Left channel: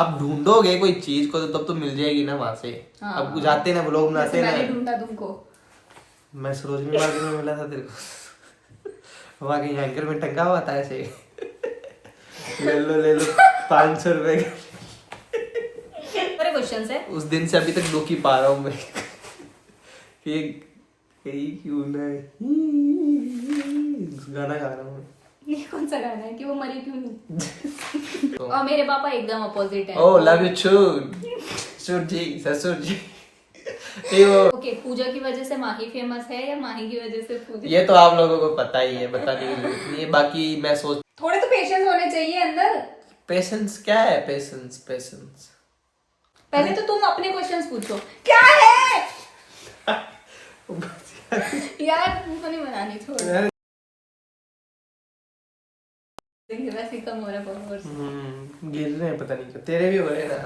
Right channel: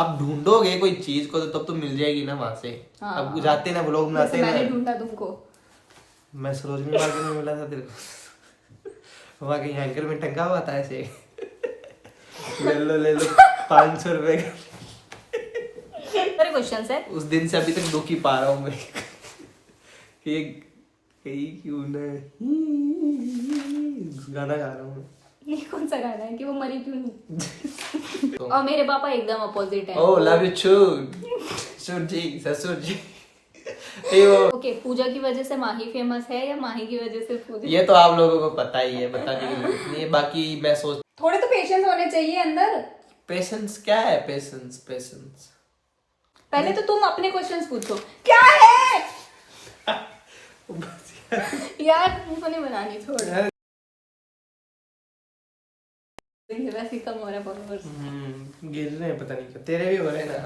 आप ढूंढोगे कोई चीज को तो तब तो मिल जाएगी ना वहां से। हाँ। अब जाते ना व्लॉग बनाते जैसे ना। मैंने ढूंढा तुमको। मैं सरोजनी मार्केट में मिला था तेरे को। वहाँ कहीं हैंगर में टंगा हुआ था ऐसे। ले लो 500 रुपए का। मेरे क्वेश्चंस है। उस दिन से अभी तक दुखी पा रहा हूँ मैं। कि कहीं क्यों नहीं गाना गा रहा हूँ मैं। ये कौन सा गाना है कि वो मरी क्यों नहीं? और मेरे पापा एकदम अपोजिट है। ओ लव यू ससुर जी ससुर जी। ये वो ओके, पूजा की वजह से माही फेमस है या माही की वजह से पूजा? ये तो आप लोगों को पता ही है, बताने की जरूरत नहीं है। बाकी मैं सोच थोड़े तो पेशेंस होने चाहिए अंदर। पेशेंस क्या है? पेशेंस पहले तो तुम अपने क्वेश्चंस पूछो क्या है। यार तुमको नहीं बनानी, छोड़। वैसे ही कम हो रहा है followers। गिर रहे हैं, पता नहीं क्यों। तेरे भी हो रहे हैं ना।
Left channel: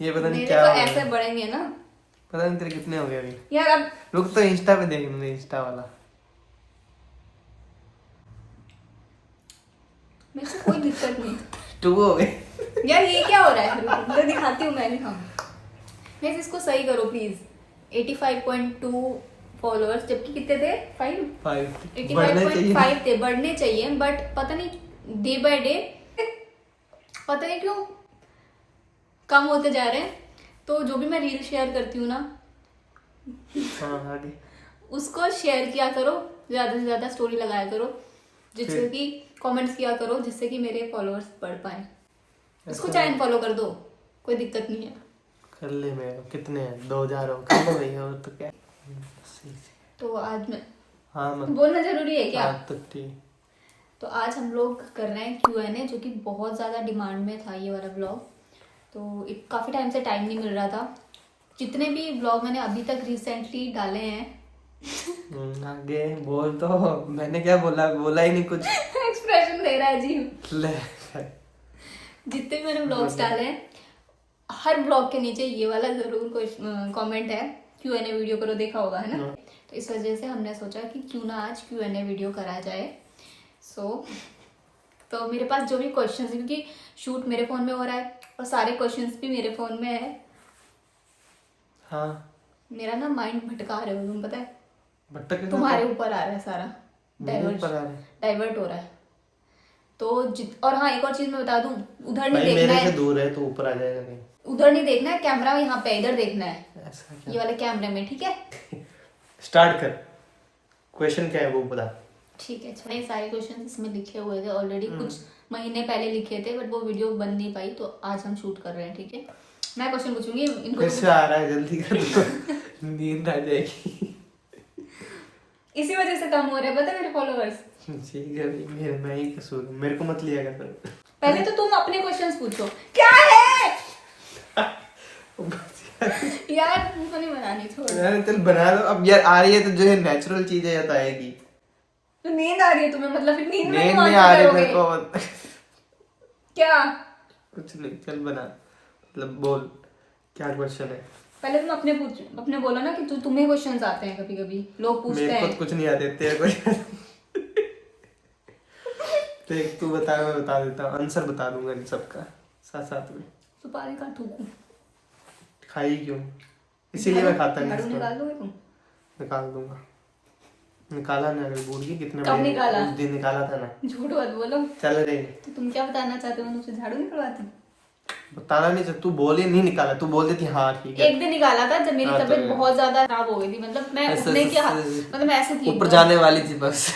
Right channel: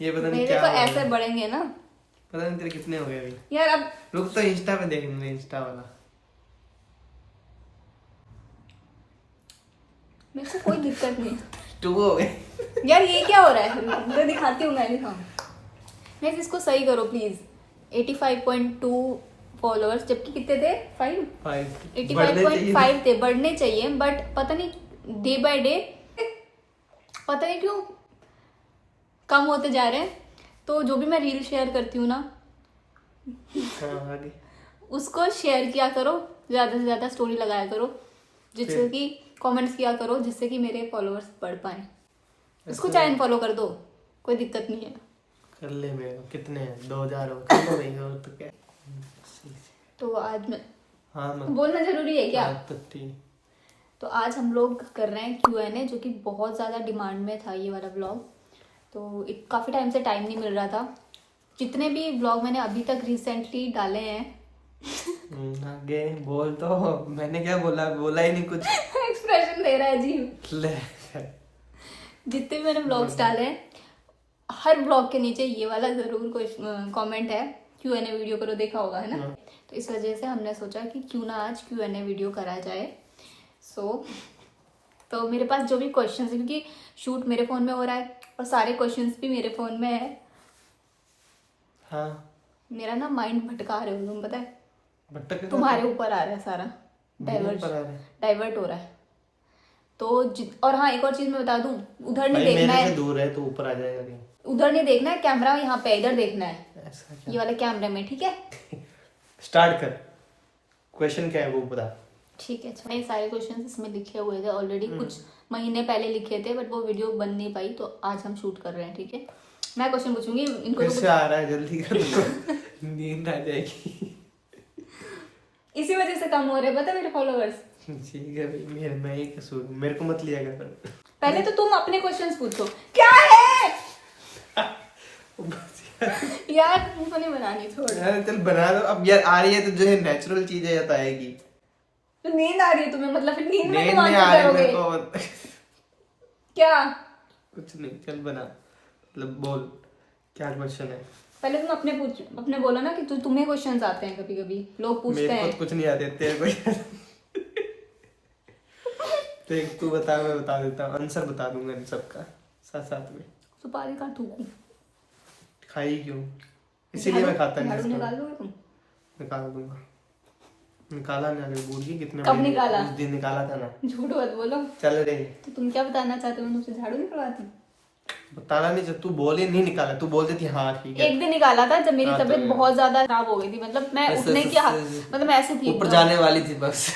ये पता नहीं मेरे क्या तो हो ऐसे गया। बढ़ेंगे ना पता नहीं तेरे कितने हो गए अभी। यार। अब रुक तो इंस्टा पे देखेंगे, इंस्टा वाला। मेरे को कोई दिक्कत नहीं। 2 हो गए। यार ये क्या हो रहा है? रुको, मैं दिखाती हूँ, मैं दिखाऊँ। मैं इसको सही करो प्लीज। 85.2 फॉलोअर्स, जबकि कितने थे? 5। 5 बढ़ने चाहिए। 85.5 थे, बढ़ने चाहिए, बट पता नहीं डे बाय डे पता नहीं क्यों कम होते जा रहे हैं। तो जो भी मैं रील शेयर करती हूँ ना, हाँ आगे। उसको शेयर किया करो, ज्यादा से ज्यादा स्टोरी लगाया करो, जिससे फिर? कि कमेंट्स किया करो, जिससे कि मेरे फॉलोअर्स बढ़ पाए। इसको ऐसा चाहे फॉलो कर दो, कोई दिक्कत नहीं है। कर ले। मेरे कितने हैं? 2000 हो। कर लो भाई, और तो क्या। तो आज मैं हाँ मत। बोलना जरूरी है क्या? हाँ, तो ठीक। तो आज हम लोग कर रहे हैं Q&A, जो कि बहुत ज़्यादा डिमांड में था ये वाला ब्लॉग। तो काफ़ी टाइम से टाइम नहीं मिल रहा था। जितने भी ब्लॉग मैंने अभी तक रिसेंटली डाले हैं आगे बोल तो। मैंने क्या बोला ही नहीं कुछ। एक्सप्रेशन दे रहा है जी। ले। जितने भी मैंने ब्लॉग्स डाले हैं, हर ब्लॉग के नीचे ये वाला ज़रूर कोई कमेंट है, Q&A वीडियो करो, देखा होगा है ना। तो इस वजह से हमने सोचा कि क्यों ना आज Q&A वीडियो कराया जाए। तो मेरे पास जो भी क्वेश्चंस, क्योंकि शूट मेरे फ़ोन में हो रहा है और सारे क्वेश्चंस भी मेरे फ़ोन में है। हाँ मेरा ना माइंड भटका रहे हो तुम, पता है? भटक तुम्हारे ऊपर आ रहा है सारा, मेरे ऊपर आ रहा है। डाइवर्ट हो रहा है। तो और हाँ, एक और चीज़ मैं बता दूं, उधर नहीं भाई देखना मेरे से है, दूर है तो ऊपर आ जाएगा कहीं। उधर नहीं देखना है, कैमरा यहाँ पे, इधर देखना है, ऐसा ये क्या? वाले कैमरे में, ठीक है? स्टार्ट कर। क्वेश्चन क्या है वो बता। ठीक है। अच्छा, ये सारे क्वेश्चन इसमें लिखे हुए थे ऑलरेडी, कुछ महीने पहले लिखे थे, बट वो वीडियो बन नहीं पाई, तो आज हम शूट कर रहे हैं, ठीक है? मैं क्वेश्चन पूछूंगी इनको। फिर तो से आ रहा है, जल्दी कर दो। नींद आ जाएगी। इसी वजह से कम हो रहे हैं, पता है, मेरे फॉलोअर्स। ठीक है भाई, मैं ही कसूर हूँ, मेरे को मत लिया कर। पहले तो तुम अपने क्वेश्चंस पूछो क्या है। यार तुमको नहीं बनानी, छोड़। यार चल बना दो अब यार। आ रही है तो जो है नेचुरल चीज है या तो आएगी। तो नींद आ रही है तुम्हें, मतलब फिर नींद में नींद दिमाग नहीं से आ रही करोगे मेरे को। क्या? कुछ नहीं, चल बना। मतलब बोल क्या क्वेश्चन है। पहले तुम अपने बोला ना कि तुम्हें क्वेश्चंस आते हैं, कभी कभी लोग पूछते मेरे को हैं। तो कुछ नहीं आते, तेरे को। देख तू बता, मैं बता देता हूँ, आंसर बता दूंगा इन सबका साथ साथ में। सुपारी का ठूकू खाई क्यों? इसीलिए मैं खाता नहीं झाड़ू इसको। निकाल दोगे तुम? निकाल दूंगा। निकाला ना, अगर भूल गई कितने कब बजे निकाला? उस दिन निकाला था ना। झूठ मत बोलो। चल रे। तो तुम क्या बताना चाहते हो, मैं तुमसे झाड़ू निकलवाती? बताना नहीं जब तू बोली नहीं निकाला, तू बोल देती हाँ ठीक है। एक दिन निकाला था जब मेरी हाँ, तो तबीयत बहुत ज्यादा खराब हो गई थी, मतलब मैं ऐसे- उठने की ऐसे- मतलब मैं ऐसी थी ऊपर एकदम। जाने वाली थी बस।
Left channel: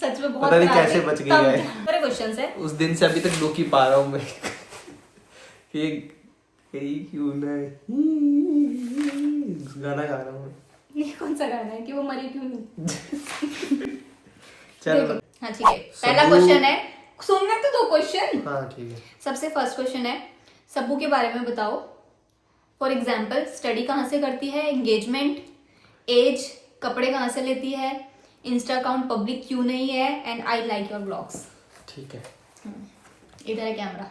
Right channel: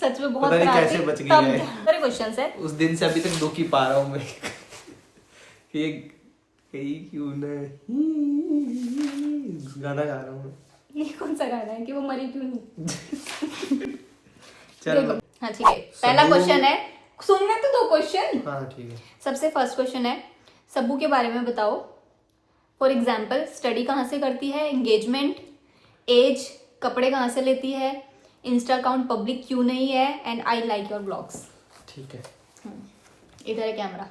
सच में बहुत पता नहीं खराब कैसे थी, बच गई तब है। मेरे क्वेश्चंस है। उस दिन से अभी तक दुखी पा रहा हूँ मैं। कि कहीं क्यों नहीं गाना गा रहा हूँ मैं। ये कौन सा गाना है कि वो मरी क्यों नहीं? चल हाँ ठीक है, पहला क्वेश्चन है, सुनने तो दो क्वेश्चन। हाँ ठीक है। सबसे फर्स्ट क्वेश्चन है, सब्बू के बारे में बताओ। फॉर एग्जाम्पल, स्टडी कहाँ से करती है, एंगेजमेंट, एज, कपड़े कहाँ से लेती है, इंस्टा अकाउंट पब्लिक क्यों नहीं है, and I like your blogs. ठीक है। इधर है कैमरा।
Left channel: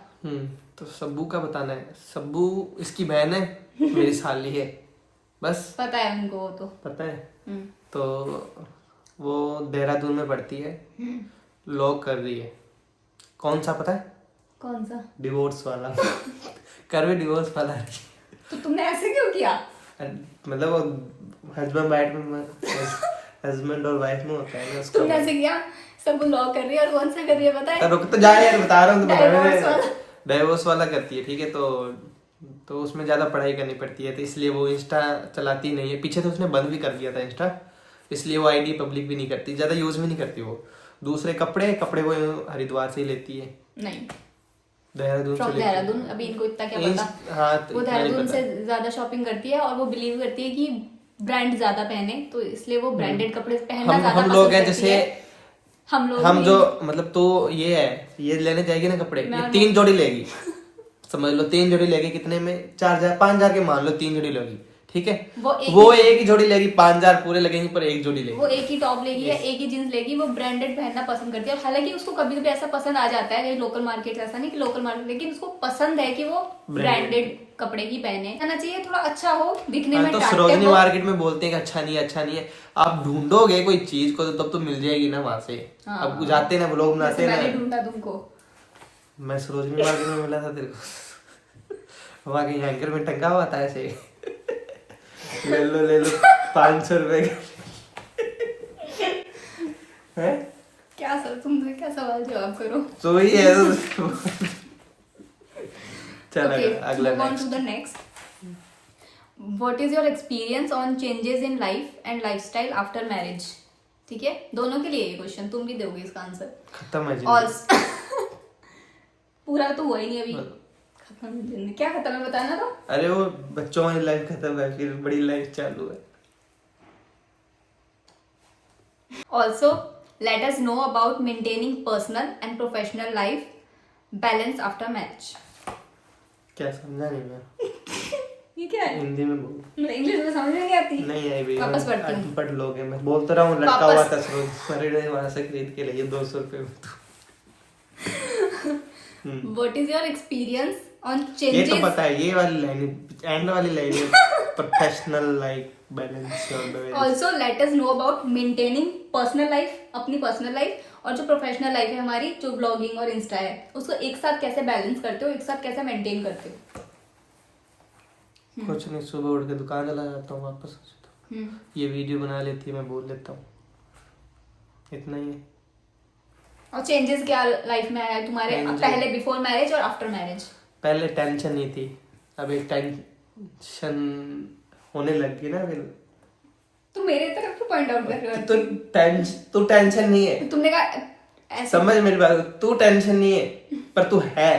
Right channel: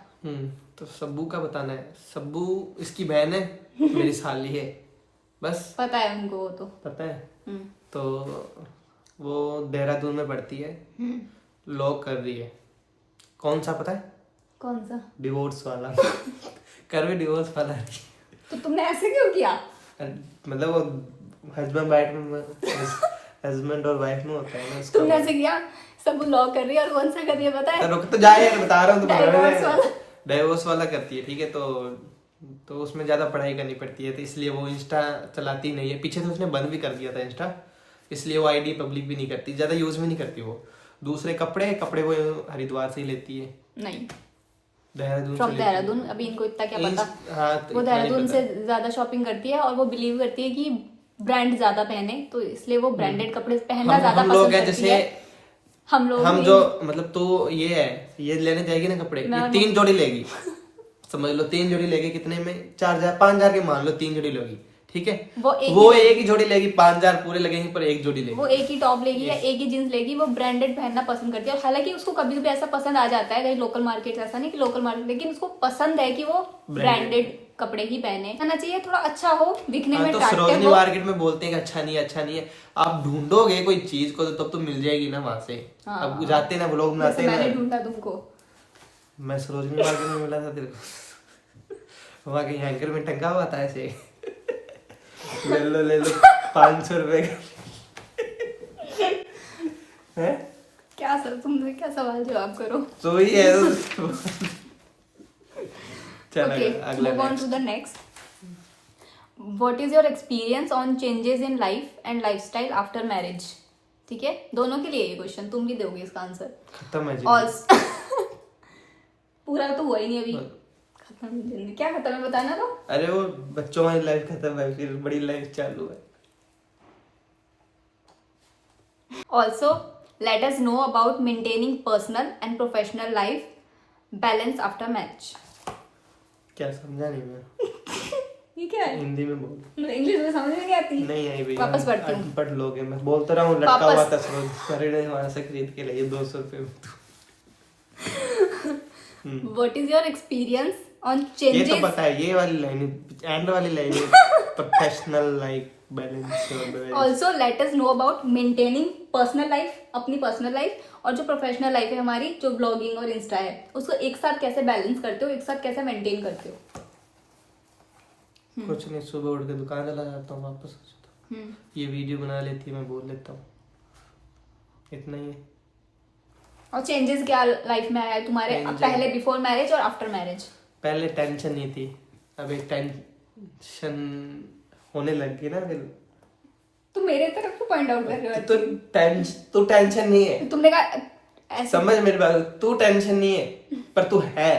तो सब्बू का बताना है। सब्बू इसकी बहन है, मेरी साली है, बस पता है उनको, वो तो। पता है। तो वो देहरादून में पढ़ती है, लॉ कर रही है। कौन सा पता है? कौन सा? डिवोर्स वाला। कर भी डिवोर्स वाला है। तो तुमने ऐसे क्यों किया? मतलब वो हस्बैंड और वाइफ में होता है ना उसका। तुमने ऐसे किया? सब लॉ कर रही है और कौन सा कर रही है पता है? रुक तो जाए यार, बता रहा हूँ तो Divorce वाला। डाइवोर्स वाला करती है, ठीक है। तो उसमें ज्यादा पढ़ाई करनी पड़ती है, तो इसलिए वो इंस्टा चलाती नहीं है। पीछे तो उसने बंद भी कर दिया था इंस्टा, इसलिए वो आईडी पब्लिक भी नहीं करती, ज्यादा यूज भी नहीं करती वो। दूसरे कपड़े वो हरिद्वार से ही लेती है। नहीं, देहरादून फ्रॉम से देहरादून। अभी इनको इतना क्या पता। हाँ, तो वो इतना नहीं देहरादून पता। से ज्यादा शॉपिंग करती है और वो बिलीव करती है कि ब्रांड ज्यादा पहने, तो इसलिए वो ब्रांडेड कपड़े पहनना ज्यादा हम लोग पसंद हैं करती जैसे, है। हम जो मतलब तो ये है, ये लेने जाएगी ना कपड़े, ये 3 जोड़ी लेगी, समझ लो 3 जोड़ी लेगी। कितने में? 4,000 5,000 के मान लो 3 जोड़ी लेगी, ठीक है। वो एक ही जोड़ी लेगी, 5,000 पूरे लगेंगे, पर एक जोड़ी लेगी। वो एक ही टॉप लेगी या एक ही जींस लेगी, वो ब्रांडेड पहनना पसंद करती है। और हालांकि उसको कभी कभी ऐसा पसंद आ जाता है, कहीं लोकल मार्केट, ऐसा नहीं कि लोकल मार्केट, लेकिन उसको पसंद है कि वो ब्रांडेड कपड़े ही पहने। आना चाहिए थोड़ा अच्छा हो दिखने में, तो attractive सरोजनी हो। मार्केट में बोलते हैं कि अच्छा नहीं है, अच्छा नहीं है। आप ढूंढोगे कोई चीज को तो तब तो मिल जाएगी ना वहां से। हाँ। अब जाते ना, व्लॉग बनाते जैसे ना। मैंने ढूंढा तुमको। मैं सरोजनी मार्केट में मिला था तेरे को, वहां कहीं हैंगर में टंगा हुआ था ऐसे। ले लो 500 रुपए का। क्या सर, तुम क्या सवाल जवाब करो। तो ही है तो। चल अगला next. What is your experience on changes in life and lifestyle after marriage? ठीक है, दोनों के लिए ये क्वेश्चन, तुम भी दोगे इसका आंसर। खत्म है और जिंदगी। पूरा तो हुआ ही नहीं अभी। खत्म है जिंदगी। क्या खत्म है बताना तो। अरे वो बच्चों वाली लाइफ खत्म है, फिर बड़ी लाइफ चालू है। Also, let us know about maintaining personal and professional life balance after marriage. क्या समझा नहीं मैं। ये क्या है? हिंदी में बोल। इंग्लिश में समझ में नहीं आती। नहीं आई भैया, वापस पढ़ती हूँ। अनपढ़ लोग हैं। मैं बोलता रहा हूँ, लटका हुआ था सरोज ने वहां से खरीद के लिए 200 रुपए में। What is your experience on ये changes? तो पता है, ये वाली लाइन, एंड वाली लाइन है, professional life balance. Also, let us know about maintaining personal life, अपनी पर्सनल लाइफ, और जो प्रोफेशनल लाइफ है हमारी, जो ब्लॉगिंग और इंस्टा है, उसको एक साथ कैसे बैलेंस करते हो, एक साथ कैसे मेंटेन करते हो? कुछ नहीं, सुबह उठ के दुकान चला जाता हूँ, वापस आ जाता हूँ, ये वीडियो बना लेती है, मैं बोल लेता हूँ, इतना ही है। और चेंजेस क्या लाइफ में आया है तुम्हारे, पहले बिफोर मैरिज और आफ्टर मैरिज? पहले टेंशन नहीं थी, अब एक टेंशन होने लग गई ना। फिर तू मेरे तरफ तो पॉइंट आउट कर रहा है। तू टेंशन नहीं है। तुमने कहा समझ मेरी बात, तू टेंशन नहीं है पर तू है।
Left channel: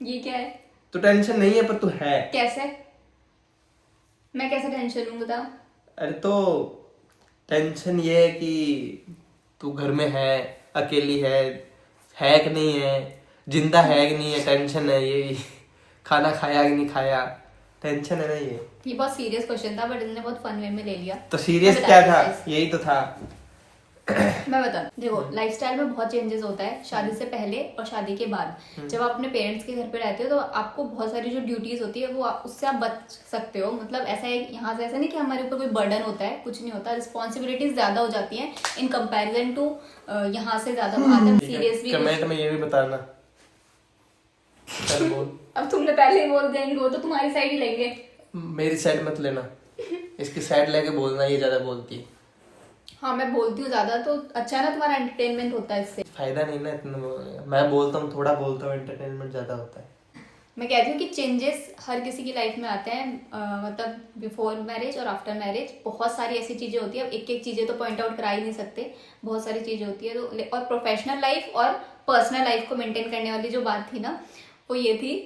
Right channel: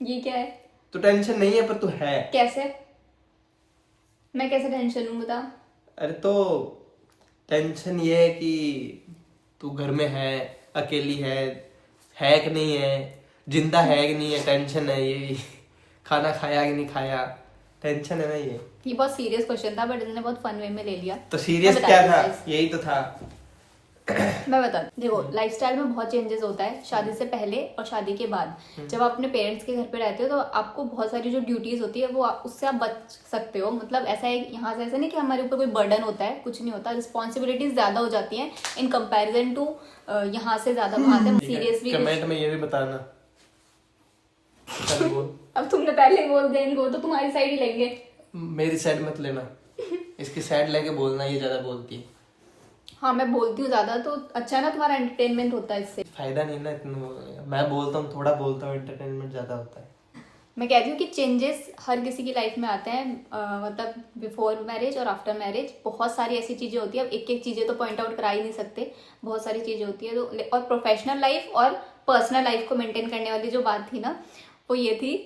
ये क्या है? तू टेंशन नहीं है पर तू है। कैसे? मैं कैसे टेंशन लूं बता। अरे तो टेंशन ये है कि तू घर में है, अकेली है कि नहीं है, जिंदा है कि नहीं है, टेंशन है ये भी। खाना खाया कि नहीं खाया, टेंशन है ना ये बहुत सीरियस क्वेश्चन था, बट इसने बहुत फन वे में ले लिया। तो सीरियस क्या था, यही तो था। मैं बता, देखो लाइफस्टाइल में बहुत चेंजेस होता है शादी से पहले और शादी के बाद। जब आप अपने पेरेंट्स के घर पे रहते हो तो आपको बहुत सारी जो ड्यूटीज होती है वो उससे आप बच सकते हो। मतलब ऐसा है, यहाँ से ऐसा नहीं कि हमारे ऊपर कोई बर्डन होता है, कुछ नहीं होता। रिस्पॉन्सिबिलिटीज ज्यादा हो जाती हैं इन कंपैरिजन टू यहाँ से ज्यादा बात। सीरियसली कमेंट में ये भी बताना। चल बोल। अब तुमने पहले ही बोल दिया इनको, तो तुम्हारी साइड ही लेंगे। मेरी साइड मत लेना, इसकी साइड लेके बोलना, ये ज्यादा बोलती है। हाँ मैं बोलती हूँ ज्यादा, तो अच्छा है ना, तुम्हारा एंटरटेनमेंट होता है इससे। फायदा नहीं ना इतना बोलने का, मैं बोलता हूँ थोड़ा बोलता हूँ, एंटरटेनमेंट ज्यादा होता है। मैं कहती हूँ कि चेंजेस हर किसी की लाइफ में आते हैं, मतलब बिफोर मैरिज और आफ्टर मैरिज बहुत सारी ऐसी चीजें होती है। अब एक एक चीजें तो पॉइंट आउट करा ही नहीं सकते, बहुत सारी चीजें होती है। तो और प्रोफेशनल लाइफ और पर्सनल लाइफ को मेंटेन करने वाली जो बात थी ना, वो ये थी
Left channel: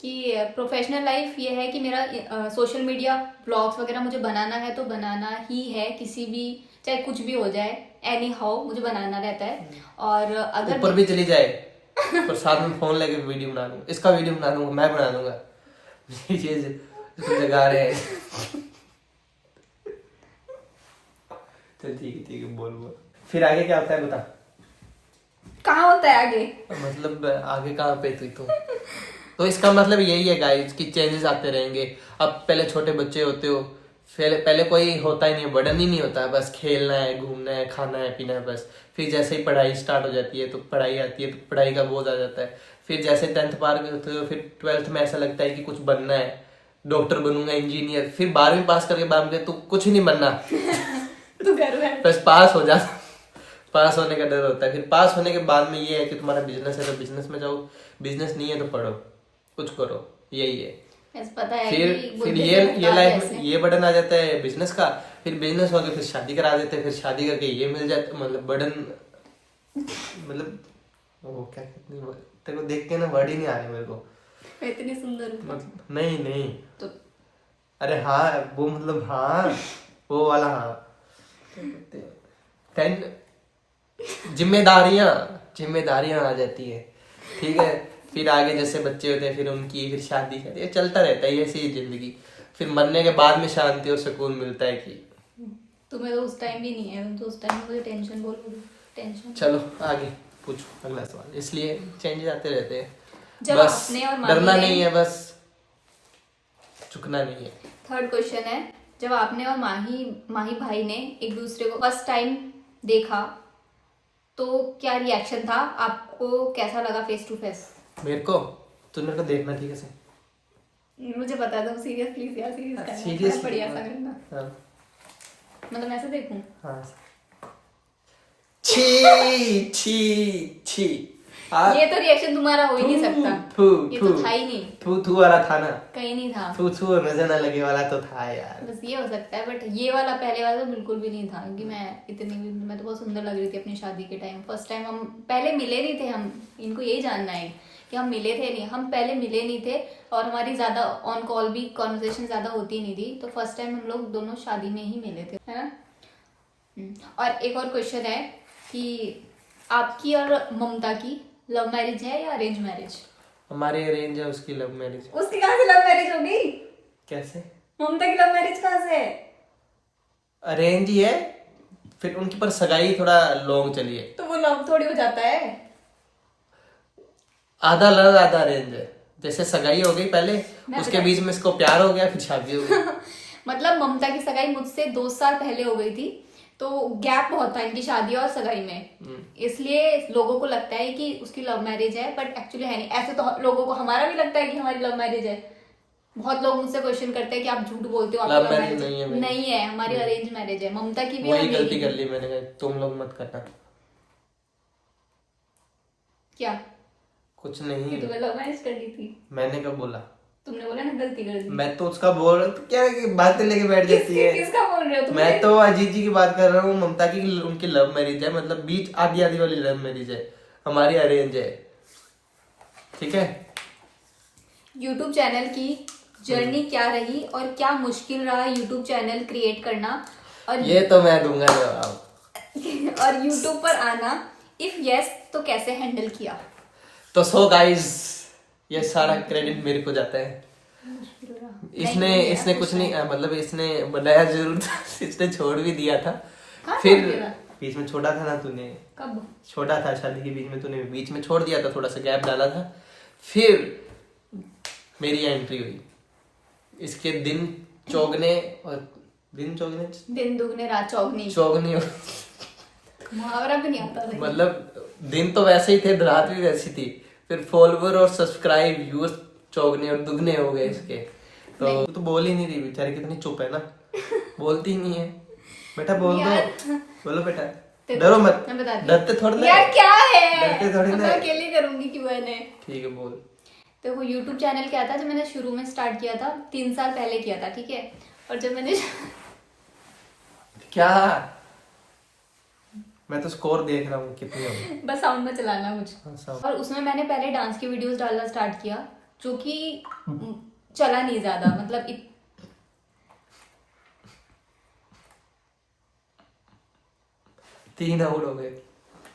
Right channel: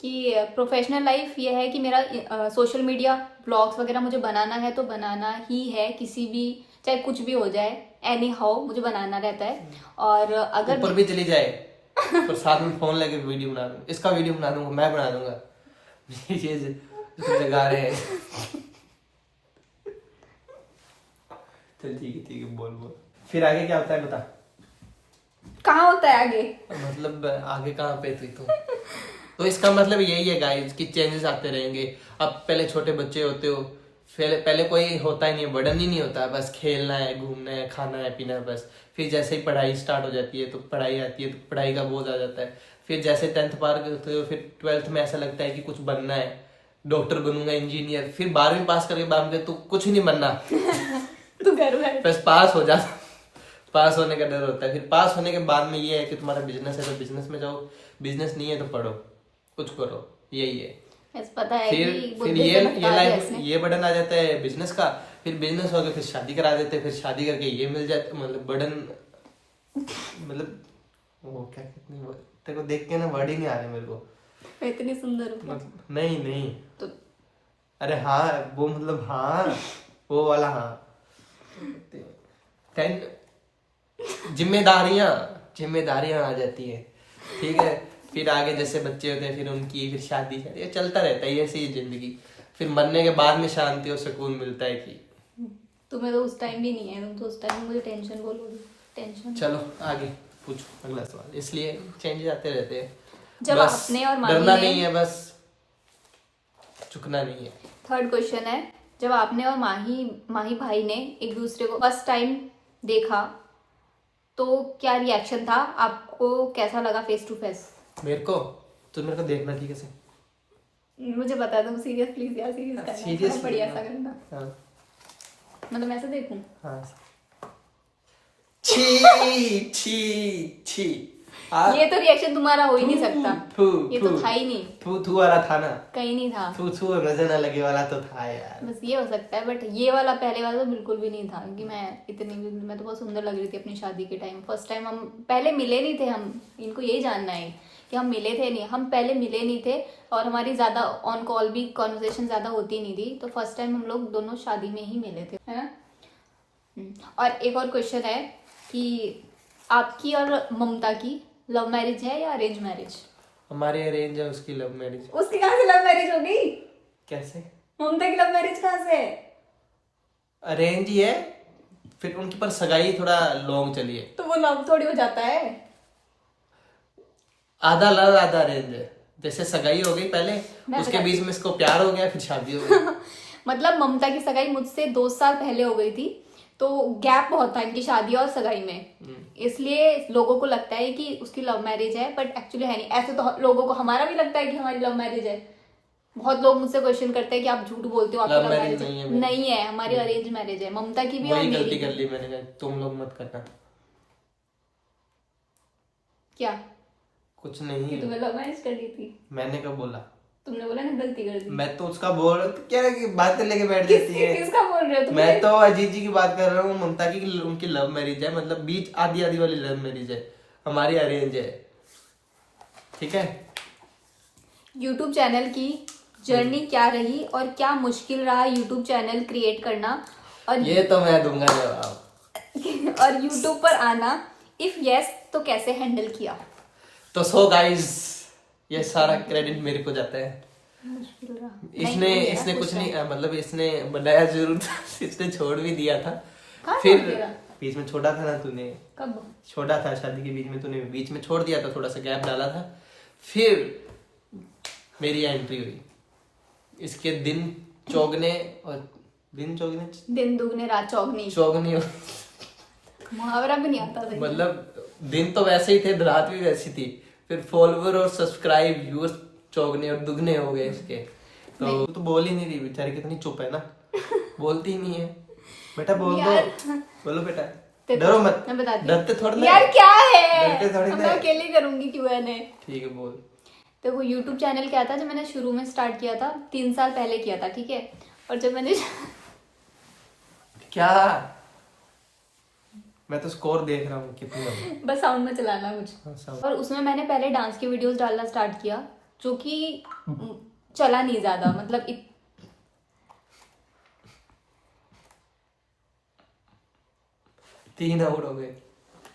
कि प्रोफेशनल लाइफ ये है कि मेरा सोशल मीडिया ब्लॉग्स वगैरह मुझे बनाना है तो बनाना ही है, किसी भी चाहे कुछ भी हो जाए, एनी हाउ मुझे बनाना रहता है। और अगर ऊपर भी चली जाए पर साथ में फोन लेके वीडियो बना दूंगा, इसका वीडियो बना दूंगा, मैं बना दूंगा, ये इसको जगा रहे हैं। चल ठीक है बोल। फिर आगे क्या होता है बता। कहाँ होता है आगे, मतलब आगे कहाँ पे तो इसका मतलब यही है गाइस कि चेंजेस आते रहेंगे। अब पहले छोटे बच्चे होते हो, पहले कोई होता ही नहीं है, बर्डन ही नहीं होता, बस खेलना है, घूमना है, खाना है, पीना है बस। फिर जैसे ही पढ़ाई स्टार्ट हो जाती है तो पढ़ाई आती है तो पढ़ाई का बोझ आ जाता है। फिर जैसे 10th पार करते हो फिर 12th में ऐसा लगता है कि कुछ बनना है, डॉक्टर बनूंगा, इंजीनियर। फिर 12वीं पास करके बाद में तो कुछ नहीं बनना, तू कर बस पास हो जा। पास होने का डर होता है। फिर पास होने के बाद में ये है कि तुम्हारा बिजनेस है तो बिजनेस में जाओ, बिजनेस नहीं है तो पढ़ो, कुछ करो, यही है। बस पता है फिर कि फिर बुद्धि ये से भटका लाइफ दिया में इसने। ये बर्डन आ जाता है बिजनेस का। फिर बिजनेस हो गया फिर शादी करा देते हैं, फिर शादी करके ये मिल जाता, मतलब बर्डन, मतलब वो क्या कहते हैं, तेरे को देख के ना वर्ड ही नहीं आ रहे मेरे को। मैं इतनी सुंदर हूँ मतलब नहीं नहीं, तो अरे हाँ वो मतलब हाँ, वो वाला हाँ। टेन जिम्मेदारियां जिम्मेदारियां आ जाती है, ठीक है। फिर आगे जैसे बच्चे होते हैं फिर उनकी फिर शादी ये चलता रहता है, ऐसी ही जिंदगी। फिर मरने के बाद में शांति और सुकून मिलता है कि तुम्हें तो उस टाइम भी नहीं है, तुम तो उस टाइम मुझे टेंशन बोलोगी, टेंशन। चलो आगे पूछो अगला सवाल। इसलिए चेंजेस आते रहते हैं, जब बस आपने और माही डरना ने- नहीं है, बस झुकना नहीं है। थर्ड क्वेश्चन है, जब आपने और माही भाई ने एक दूसरे को फर्स्ट टाइम देखा तो क्या रिएक्शन था, आपको कैसा लगा फेस टू फेस? मेरे को देखना ठीक है से। मुझे पता है तुम सीरियस, प्लीज यार सीरियस करना, सीरियस थोड़ा बढ़िया सा करना, हाँ मतलब ऐसे देखूं। हाँ। छी छी छी ये तो रिएक्शन तुम्हारा हो ही नहीं सकता, थू ये थू तो था ही नहीं, थू वाला था ना, कहीं नहीं था, थू थू नजर ना लगे वाला तो था यार। बस ये हो सकता है। बट ये वाला पहले वाला तो बिल्कुल भी नहीं था, क्योंकि मैं तो बहुत सुंदर लग रही थी अपनी शादी के टाइम। फर्स्ट टाइम हम पहले मिले नहीं थे, हम इनको यही जानना है कि हम मिले थे नहीं, हम पहले मिले नहीं थे और हमारी ज़्यादा ऑन कॉल भी कॉन्वर्सेशन ज़्यादा होती नहीं थी। तो फर्स्ट टाइम हम लोग दोनों शादी में ही मिले थे, है ना। और एक और क्वेश्चन है कि आपकी और ममता की लव मैरिज है या अरेंज मैरिज? हमारे अरेंज है, उसकी लव मैरिज। उसकी कहाँ से लव मैरिज होगी? कैसे? ममता की लव मैरिज कहाँ से? अरेंज ही है, फिर उनकी पर सगाई थोड़ा लॉन्ग चली है। तो वो लव थोड़ी हो जाता है। आधा लव आधा अरेंज है, जैसे सगाई हो गई पहले, उसके बीच में इसको प्यार हो गया, फिर शादी हो गई। मतलब ममता की सगाई मुझसे 2 साल पहले हो गई थी, तो गैप बहुत था इनकी शादी और सगाई में, इसलिए लोगों को लगता है कि उसकी लव मैरिज है, बट एक्चुअली है नहीं। ऐसे तो लोगों को, हमारा भी लगता है कि हमारी लव मैरिज है। बहुत लोग मुझसे क्वेश्चन करते हैं कि आप झूठ बोलते हो, आपकी लव लव मैरिज मैरिज नहीं है मेरी। नहीं है, हमारी अरेंज मैरिज है। ममता की भी वही और गलती मेरी कर भी। ली मैंने, कहा तुम लोग मत करना। क्या कुछ नहीं, तुम्हें लव मैरिज कर ली थी? मैंने कब बोला? तुमने बोला ना गलती कर दी। मैं तो उसका बोल रहा हूँ, तो क्या है कि बातें लेके बैठ जाती है। किसका बोल रहे हो तुम? मैं तो अजीत जी की बात कर रहा हूँ, ममता की उनकी लव मैरिज है, मतलब बीच आधी आधी वाली लव मैरिज है, हमारी अरेंज है, ठीक है। यूट्यूब चैनल की जर्नी क्या रही और क्या मुश्किल रहा यूट्यूब चैनल क्रिएट करना, और ये तो मैं दूंगा जवाब। और यूट्यूब पर आना, इफ यस तो कैसे हैंडल किया? तो सो गाइस, ये सारा क्रेडिट मेरे को जाता है। इसने कुछ नहीं, मतलब इसने बनाया जरूर था, इसने छोड़ भी दिया था। फिर बीच में छोड़ा था ना तूने, कब छोड़ा था? शादी के बीच में तूने बीच में छोड़ दिया था, थोड़ा सा गैप डाला था, फिर मेरी एंट्री हुई। इसके दिन चौगने और दिन दुगने रात चौगनी, चौगनी मुहावरा भी नहीं आता था। मतलब दिन तो वैसे ही थे, रात भी वैसी थी। फिर फॉलोवर और सब्सक्राइब व्यूअर्स चौगने और दुगने हो गए इसके। तो बोल ही नहीं रही बेचारी, कितनी चुप है ना, बोलती ही नहीं है। बेटा बोल दो, बोलो बेटा, डरो मत, डरते थोड़ी ना यार, क्या है, डरते थोड़ी ना, मैं अकेले करूंगी क्यों है। ठीक है बोल। तो वो यूट्यूब चैनल क्या था, जो मैंने शुरू में स्टार्ट किया था 3 साल पहले किया था, ठीक है। और जब मैंने क्या, मैं तो स्कोर देख रहा हूँ कितनी हो। बस साउंड में चलाना कुछ। अच्छा। और उसमें मैंने पहले डांस की वीडियोस डालना स्टार्ट किया, जो कि चला नहीं ज्यादा, मतलब 3 आउट हो गए,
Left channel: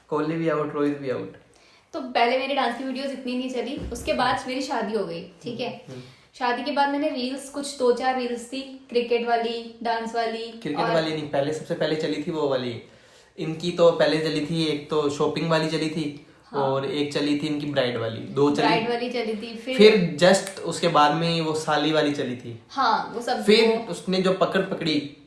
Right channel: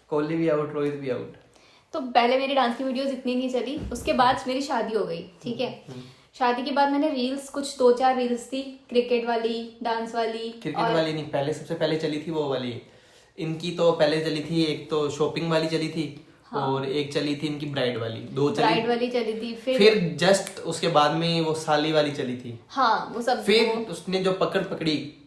कोहली भी आउट, रोहित भी आउट। तो पहले मेरी डांस की वीडियोस इतनी नहीं चली। उसके बाद मेरी शादी हो गई, ठीक है। शादी के बाद मैंने रील्स, कुछ 2-4 रील्स थी, क्रिकेट वाली, डांस वाली। क्रिकेट वाली नहीं, पहले सबसे पहले चली थी वो वाली, इनकी तो पहले चली थी, एक तो शॉपिंग वाली चली थी, और एक चली थी इनकी ब्राइड वाली, 2 चली। ब्राइड वाली चली थी, फिर जस्ट उसके बाद में वो साली वाली चली थी। हाँ वो सब। फिर उसने जो पकड़ी।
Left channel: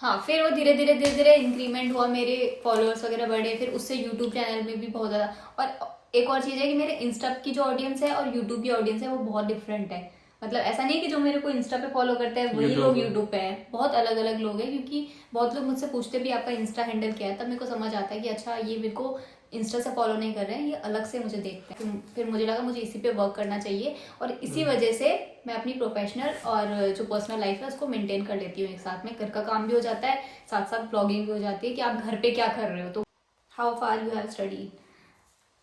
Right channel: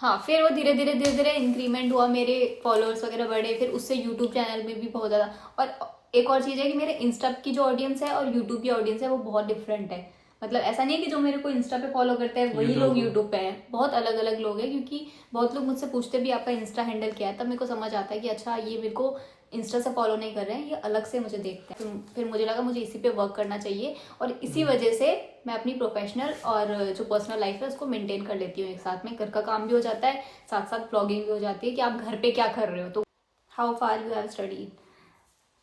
हाँ फिर वो धीरे धीरे इंक्रीमेंट हुआ, मेरे फॉलोअर्स वगैरह बढ़े, फिर उससे यूट्यूब चैनल में भी बहुत ज़्यादा। और एक और चीज़ है कि मेरे इंस्टा की जो ऑडियंस है और यूट्यूब की ऑडियंस है वो बहुत डिफरेंट है। मतलब ऐसा नहीं है कि जो मेरे को इंस्टा पे फॉलो करते हैं वही लोग यूट्यूब पे हैं, बहुत अलग अलग लोग हैं। क्योंकि बहुत लोग मुझसे पूछते भी आपका इंस्टा हैंडल क्या है, तब मेरे को समझ आता है कि अच्छा ये मेरे को इंस्टा से फॉलो नहीं कर रहे हैं, ये अलग से मुझे देखते हैं। फिर मुझे लगा मुझे इसी पे वर्क करना चाहिए, और इसी वजह से मैं अपनी प्रोफेशनल और जो पर्सनल लाइफ है उसको मेंटेन कर लेती हूँ एक साथ में। घर का काम भी हो जाता है, साथ साथ ब्लॉगिंग भी हो जाती है कि आप घर पे क्या कर रहे हो। तो how far you have study.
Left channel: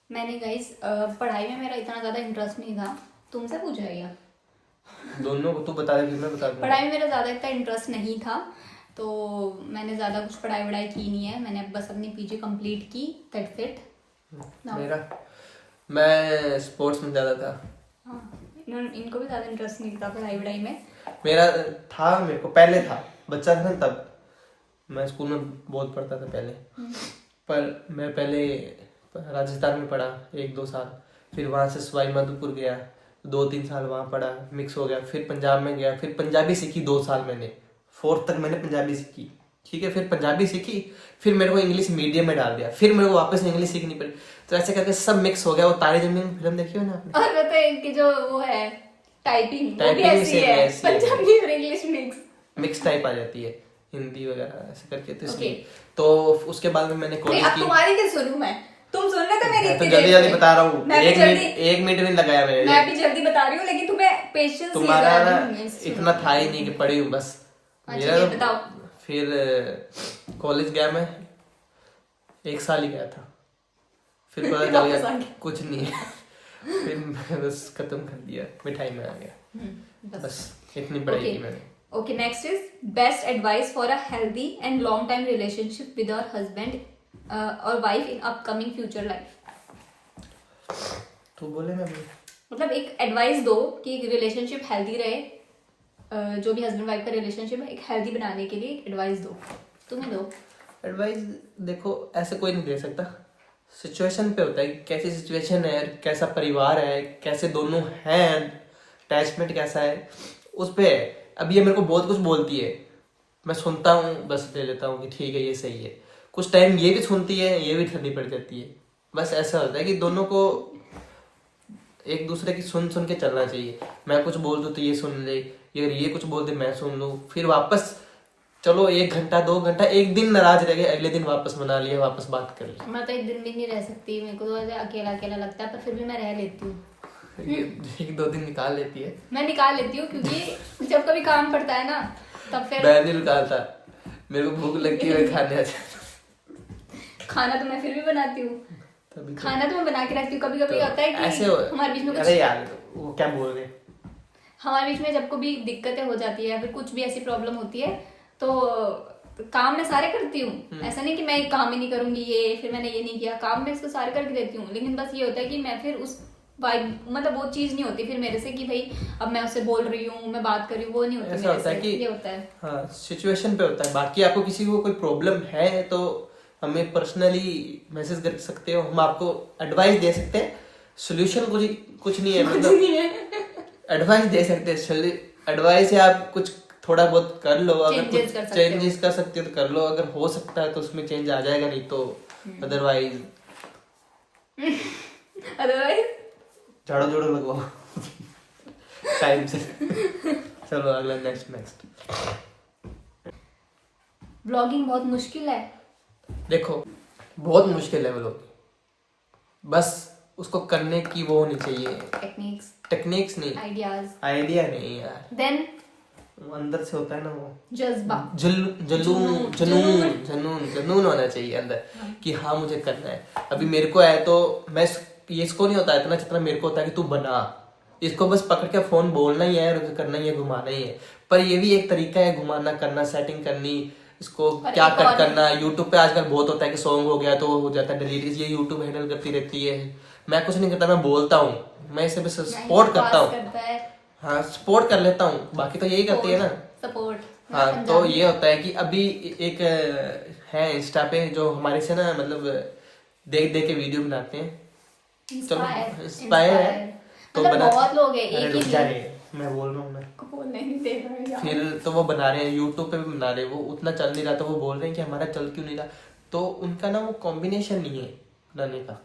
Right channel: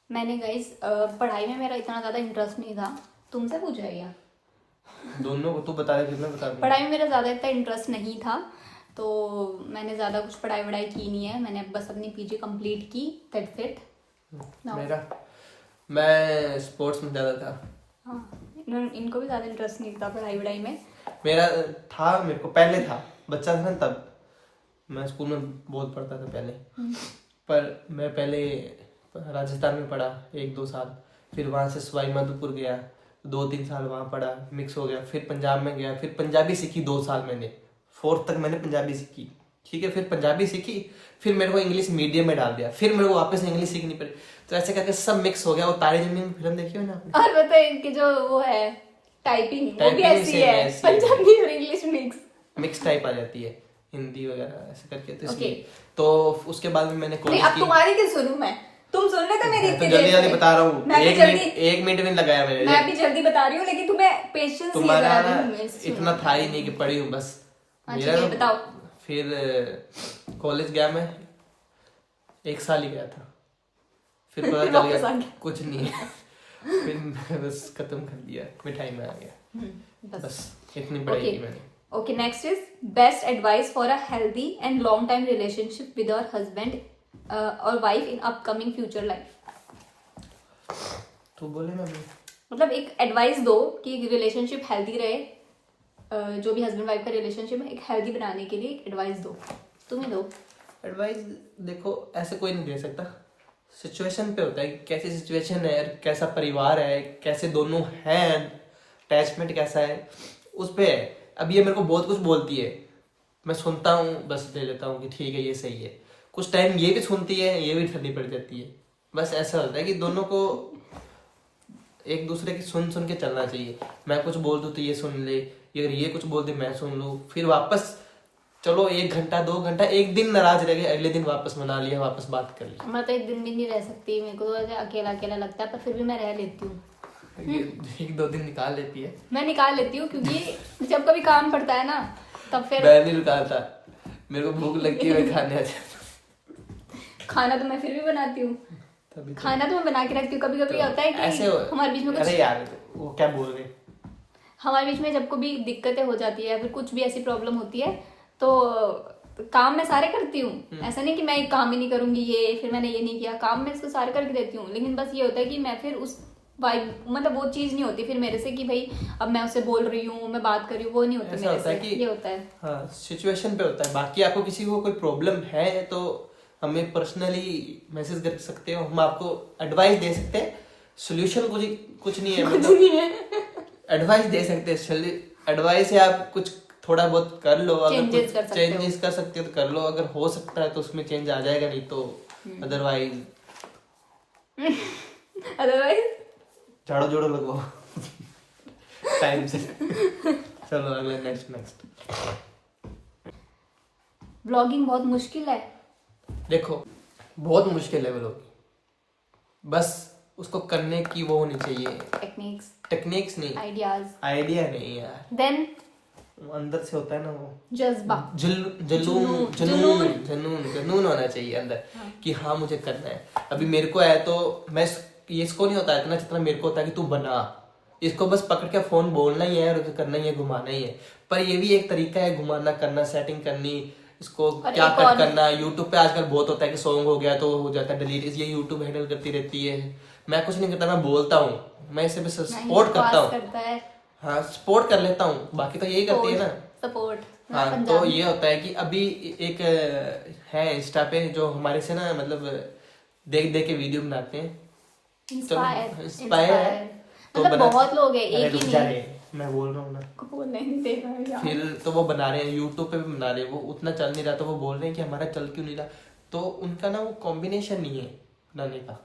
मैंने गाइस पढ़ाई में मेरा इतना ज़्यादा इंटरेस्ट नहीं था। तुमसे पूछा है क्या? दोनों को तू बता दे फिर मैं बता दूंगा। पढ़ाई में मेरा ज़्यादा इतना इंटरेस्ट नहीं था, तो मैंने ज़्यादा कुछ पढ़ाई वढ़ाई की नहीं है। मैंने बस अपनी पीजी कंप्लीट की, दैट्स इट। मैं स्पोर्ट्स में ज़्यादा था। हाँ इनको भी ज़्यादा इंटरेस्ट नहीं था पढ़ाई वढ़ाई में। मेरा था, मेरे को पहले था, बच्चा था ना तब। मैं स्कूल में बहुत पढ़ता था पहले, पर मैं पहले राजस्थान में पढ़ा 1-2 साल, फिर वहाँ से सवाई माधोपुर गया, 2-3 साल वहाँ पढ़ा, मिक्स हो गया। फिर पंजाब में गया, फिर पंजाबी सीखी 2 साल मैंने, 4th तक मैंने पंजाबी सीखी, ठीक है। फिर पंजाबी सीखी, फिर मेरे को इंग्लिश मीडियम में डाल दिया, फिर मेरे को वापस इंग्लिश सीखनी पड़ी। तो ऐसे करके सब मिक्स हो गया। वो तारे जमीन में फिल्म देखी हो ना आपने? और पता है इनकी जो वो है टाइपिंग भी टाइपिंग ऐसी सेम है, ऐसी पंजाबी और इंग्लिश मिक्स टाइप आ जाती है, हिंदी वगैरह ऐसे करके। तो इसलिए Okay. तो उसके बाद में मैंने कॉलेज अब की। तुम्हारी तो सुनूं मैं, तुम सुन रहे थे मेरी मैं तो इतनी जल्दी देर जल्दी से। बता रहा हूँ, मैं भी 1 मिनट भी नहीं लगाया मैं मैंने। भी जल्दी बता रही हूँ, लेकिन तुम्हें पेशेंस तुम्हारा ना इतना था ही नहीं कि पढ़ी हूँ बस। मेरा अच्छा बताओ। फिर कॉलेज गया मैं, 1 साल ही गया था, फिर पता चल वापस आ गया गया। कुछ नहीं है। फिर मैं बस खत्म कर दिया, मिठाई में आ गया। बस इतनी पढ़ाई की मैंने। Okay, next is best advice for a healthy and long time relationship with your husband or wife in upcoming future life. तू बोले मैं भी। मतलब एक एडवाइस दो कि रिलेशनशिप हेल्दी रहे, जो भी हस्बैंड वाइफ का रिलेशनशिप है एक हेल्दी बनाने के लिए एडवाइस दो, तुम्हें दो। एडवाइस देखो ऐसे कोई नहीं दे सकता, सिचुएशन पे होता है कि कैसी सिचुएशन है, कैसा परिवार है, कैसे दोनों हैं, अटैचमेंट कैसा है, उस पे है। अब ये मेरे को बहुत कुछ बोलती है, मैं सुनता हूँ, बस ले लेता हूँ कि ठीक है ये सही है। कुछ टाइम ये भी सुनती है, ये भी ठंडी पड़ जाती है। बस ऐसा होता है कि दोनों को एक दूसरे की सुन सुन के चलना चाहिए। मैं कुछ बोल दूँ तो ये सुन ले, अगर ये कुछ बोल दे मैं सुन लूँ, फिर वापस चलो 1 घंटा 2 घंटा, एक दिन नाराज रह गए, अगले दिन वापस मना लिया, वापस बात कर ली। मैं तो एक दिन भी नहीं रह सकती, मेरे को तो ऐसे अकेला अकेला लगता है, पर फिर भी मैं रह लेती हूँ। ये 1-2 दिन निकाल लेती है। मैं निकाल लेती हूँ क्योंकि जब कभी काम पड़ता है ना तब फिर मैं नहीं निकालता, मेरे को भूख लगती है मैं खाने आ जाता हूँ। खाना तो मैं फिर भी बनाती हूँ, तभी तो। खाना तो मैं बना के रखती हूँ। कभी कभी होता है कि ऐसे हमारे बीच में अरे यार तो वो क्या बोल रहे हैं? हमारे बीच में जब कभी दिक्कतें हो जाती है, फिर कुछ भी ऐसी प्रॉब्लम होती है तो काम मैं सारे करती हूँ। ऐसा नहीं कि मैं एक काम ही नहीं करूंगी, ये फिर मैंने ये नहीं किया, काम मैं इसको सारे करके देती हूँ। लेकिन बस ये होता है कि मैं फिर उस वाइब, मतलब वो चीज नहीं होती फिर मेरे से कि भाई अब मैं उससे बोल रही हूँ, मैं बात कर रही हूँ, वो नहीं होती। ऐसा होता है कि ये होता है, हाँ सिचुएशन पे होता है। बाकी आपको किसी को कोई प्रॉब्लम है तो हमें पर्सनली मैसेज कर सकते हो, हम आपको एडवाइस दे सकते हैं। सोल्यूशन कुछ नहीं है, मतलब एडवाइस दे सकते हैं। एडवाइस है आप कुछ थोड़ा बहुत कर लो, अगर कुछ चेंजेस कर सकते हो तो कर लो, अगर हो सकता है तो उसमें चेंज आ जाएगा, नहीं तो अदरवाइज झाड़ू जोड़ो लगवाओ टाइम से। चलो अगला नेक्स्ट। ब्लॉगिंग बहुत मुश्किल है। देखो बहुत मुश्किल है व्लॉगिंग, बस उसको करने की वो होनी चाहिए, टेक्निक्स नहीं, आइडिया नहीं यार, देन अंदर से होता है ना वो जज्बा, जुनून होना चाहिए अंदर कि हाँ मुझे करना है। अभी मेरे को है तो मैं ये इसको नहीं होता इतना जितना मेरे को होता है कि तू बना, इसको बस पकड़ के फोन बोलना ही है और करना ही है, घुमाना ही है। पर ये भी एक तरीका है घुमाना, करना, सेटिंग करनी, इसको क्या कट करना। यूट्यूब पे आजकल बहुत होता है कि सॉन्ग हो गया तो हो जाता है डिलीट, ये यूट्यूब हैंडल करती रहती है। मैं कुछ नहीं करता, मैं बोलता हूँ, मैं इसे बस सपोर्ट करता हूँ, हाँ सपोर्ट कर लेता हूँ, बाकी तो यही करती है ना सपोर्ट। हाँ तो ये होता है कि अभी एक है इंस्टा पे जो हमारे से ना मतलब देख देख के वीडियो बनाते हैं, इंस्पायर है तो मतलब बहुत लोग हैं, अरे एक रुक ही जा नहीं। रहे मैं बोल रहा हूँ ना। को बोलना ही नहीं देगा यार। फिर तो वो बना रहे हैं यूट्यूब पे भी बना रहे हैं, वो उतना चल नहीं रहा तो वो बोल रहे हैं कि हमारा चल क्यों नहीं रहा। तो उनका ना वो कॉम्बिनेशन नहीं है बनाने का,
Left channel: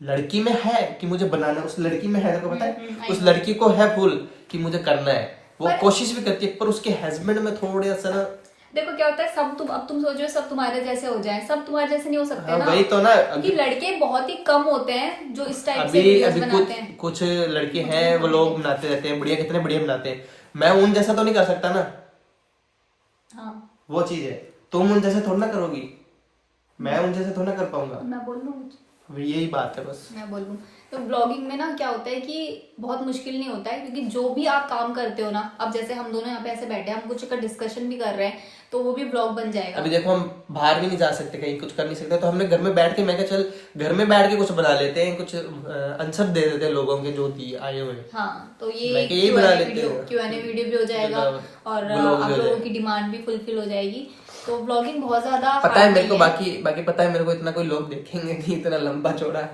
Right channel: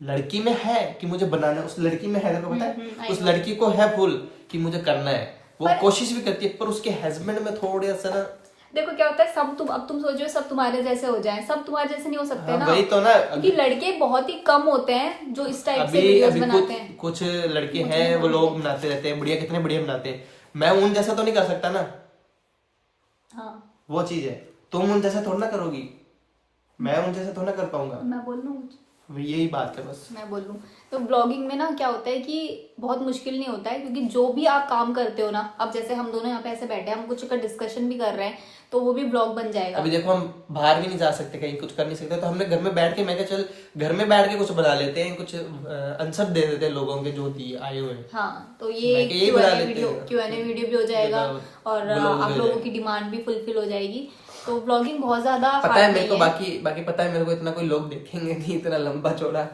लड़की में है कि मुझे बनाना, उस लड़की में है, तेरे को पता है, उस लड़की को है फुल कि मुझे करना है, वो कोशिश भी करती है, पर उसके हस्बैंड में थोड़े सा ना। देखो क्या होता है, सब तुम सोच रहे हो सब तुम्हारे जैसे हो जाए, सब तुम्हारे जैसे नहीं हो सकते हाँ ना। वही तो ना। क्योंकि लड़के बहुत ही कम होते हैं जो इस टाइप से अभी वीडियोस अभी बनाते कुछ हैं। कुछ लड़के मुझे हैं नहीं वो लोग बोलते। बनाते रहते हैं बढ़िया, कितने बढ़िया बनाते हैं। मैं उन जैसा तो नहीं कर सकता ना, हाँ वो चीज है। तुम उन जैसे थोड़ा ना करोगी, मैं उन जैसे थोड़ा ना कर पाऊंगा। मैं बोल लूँ कुछ? यही बात है बस। मैं बोलूँ तो ब्लॉगिंग में ना क्या होता है कि बहुत मुश्किल नहीं होता है, क्योंकि जो भी आप काम करते हो ना, अब जैसे हम दोनों यहाँ पे ऐसे बैठे हैं, हम कुछ का डिस्कशन भी कर रहे हैं, तो वो भी ब्लॉग बन जाएगा। अभी देखो हम बाहर भी नहीं जा सकते, कहीं कुछ कर नहीं सकते, तो हमने घर में बैठ के, मैं क्या चल घर में बैठ के कुछ बना लेते हैं, कुछ आंसर दे देते हैं लोगों के जो दिए आए हुए हैं। हाँ तो ये मैं यही बना लेते हैं, Q&A वीडियो भी हो जाएगा और व्लॉग आप भी हो लोगों की डिमांड भी फुलफिल हो जाएगी। तो ब्लॉगिंग बहुत ज्यादा पता है hard मेरे को, नहीं है। बाकी बाकी पता है मेरे को, इतना कोई लोग देखेंगे नहीं, इतना लंबा चौड़ा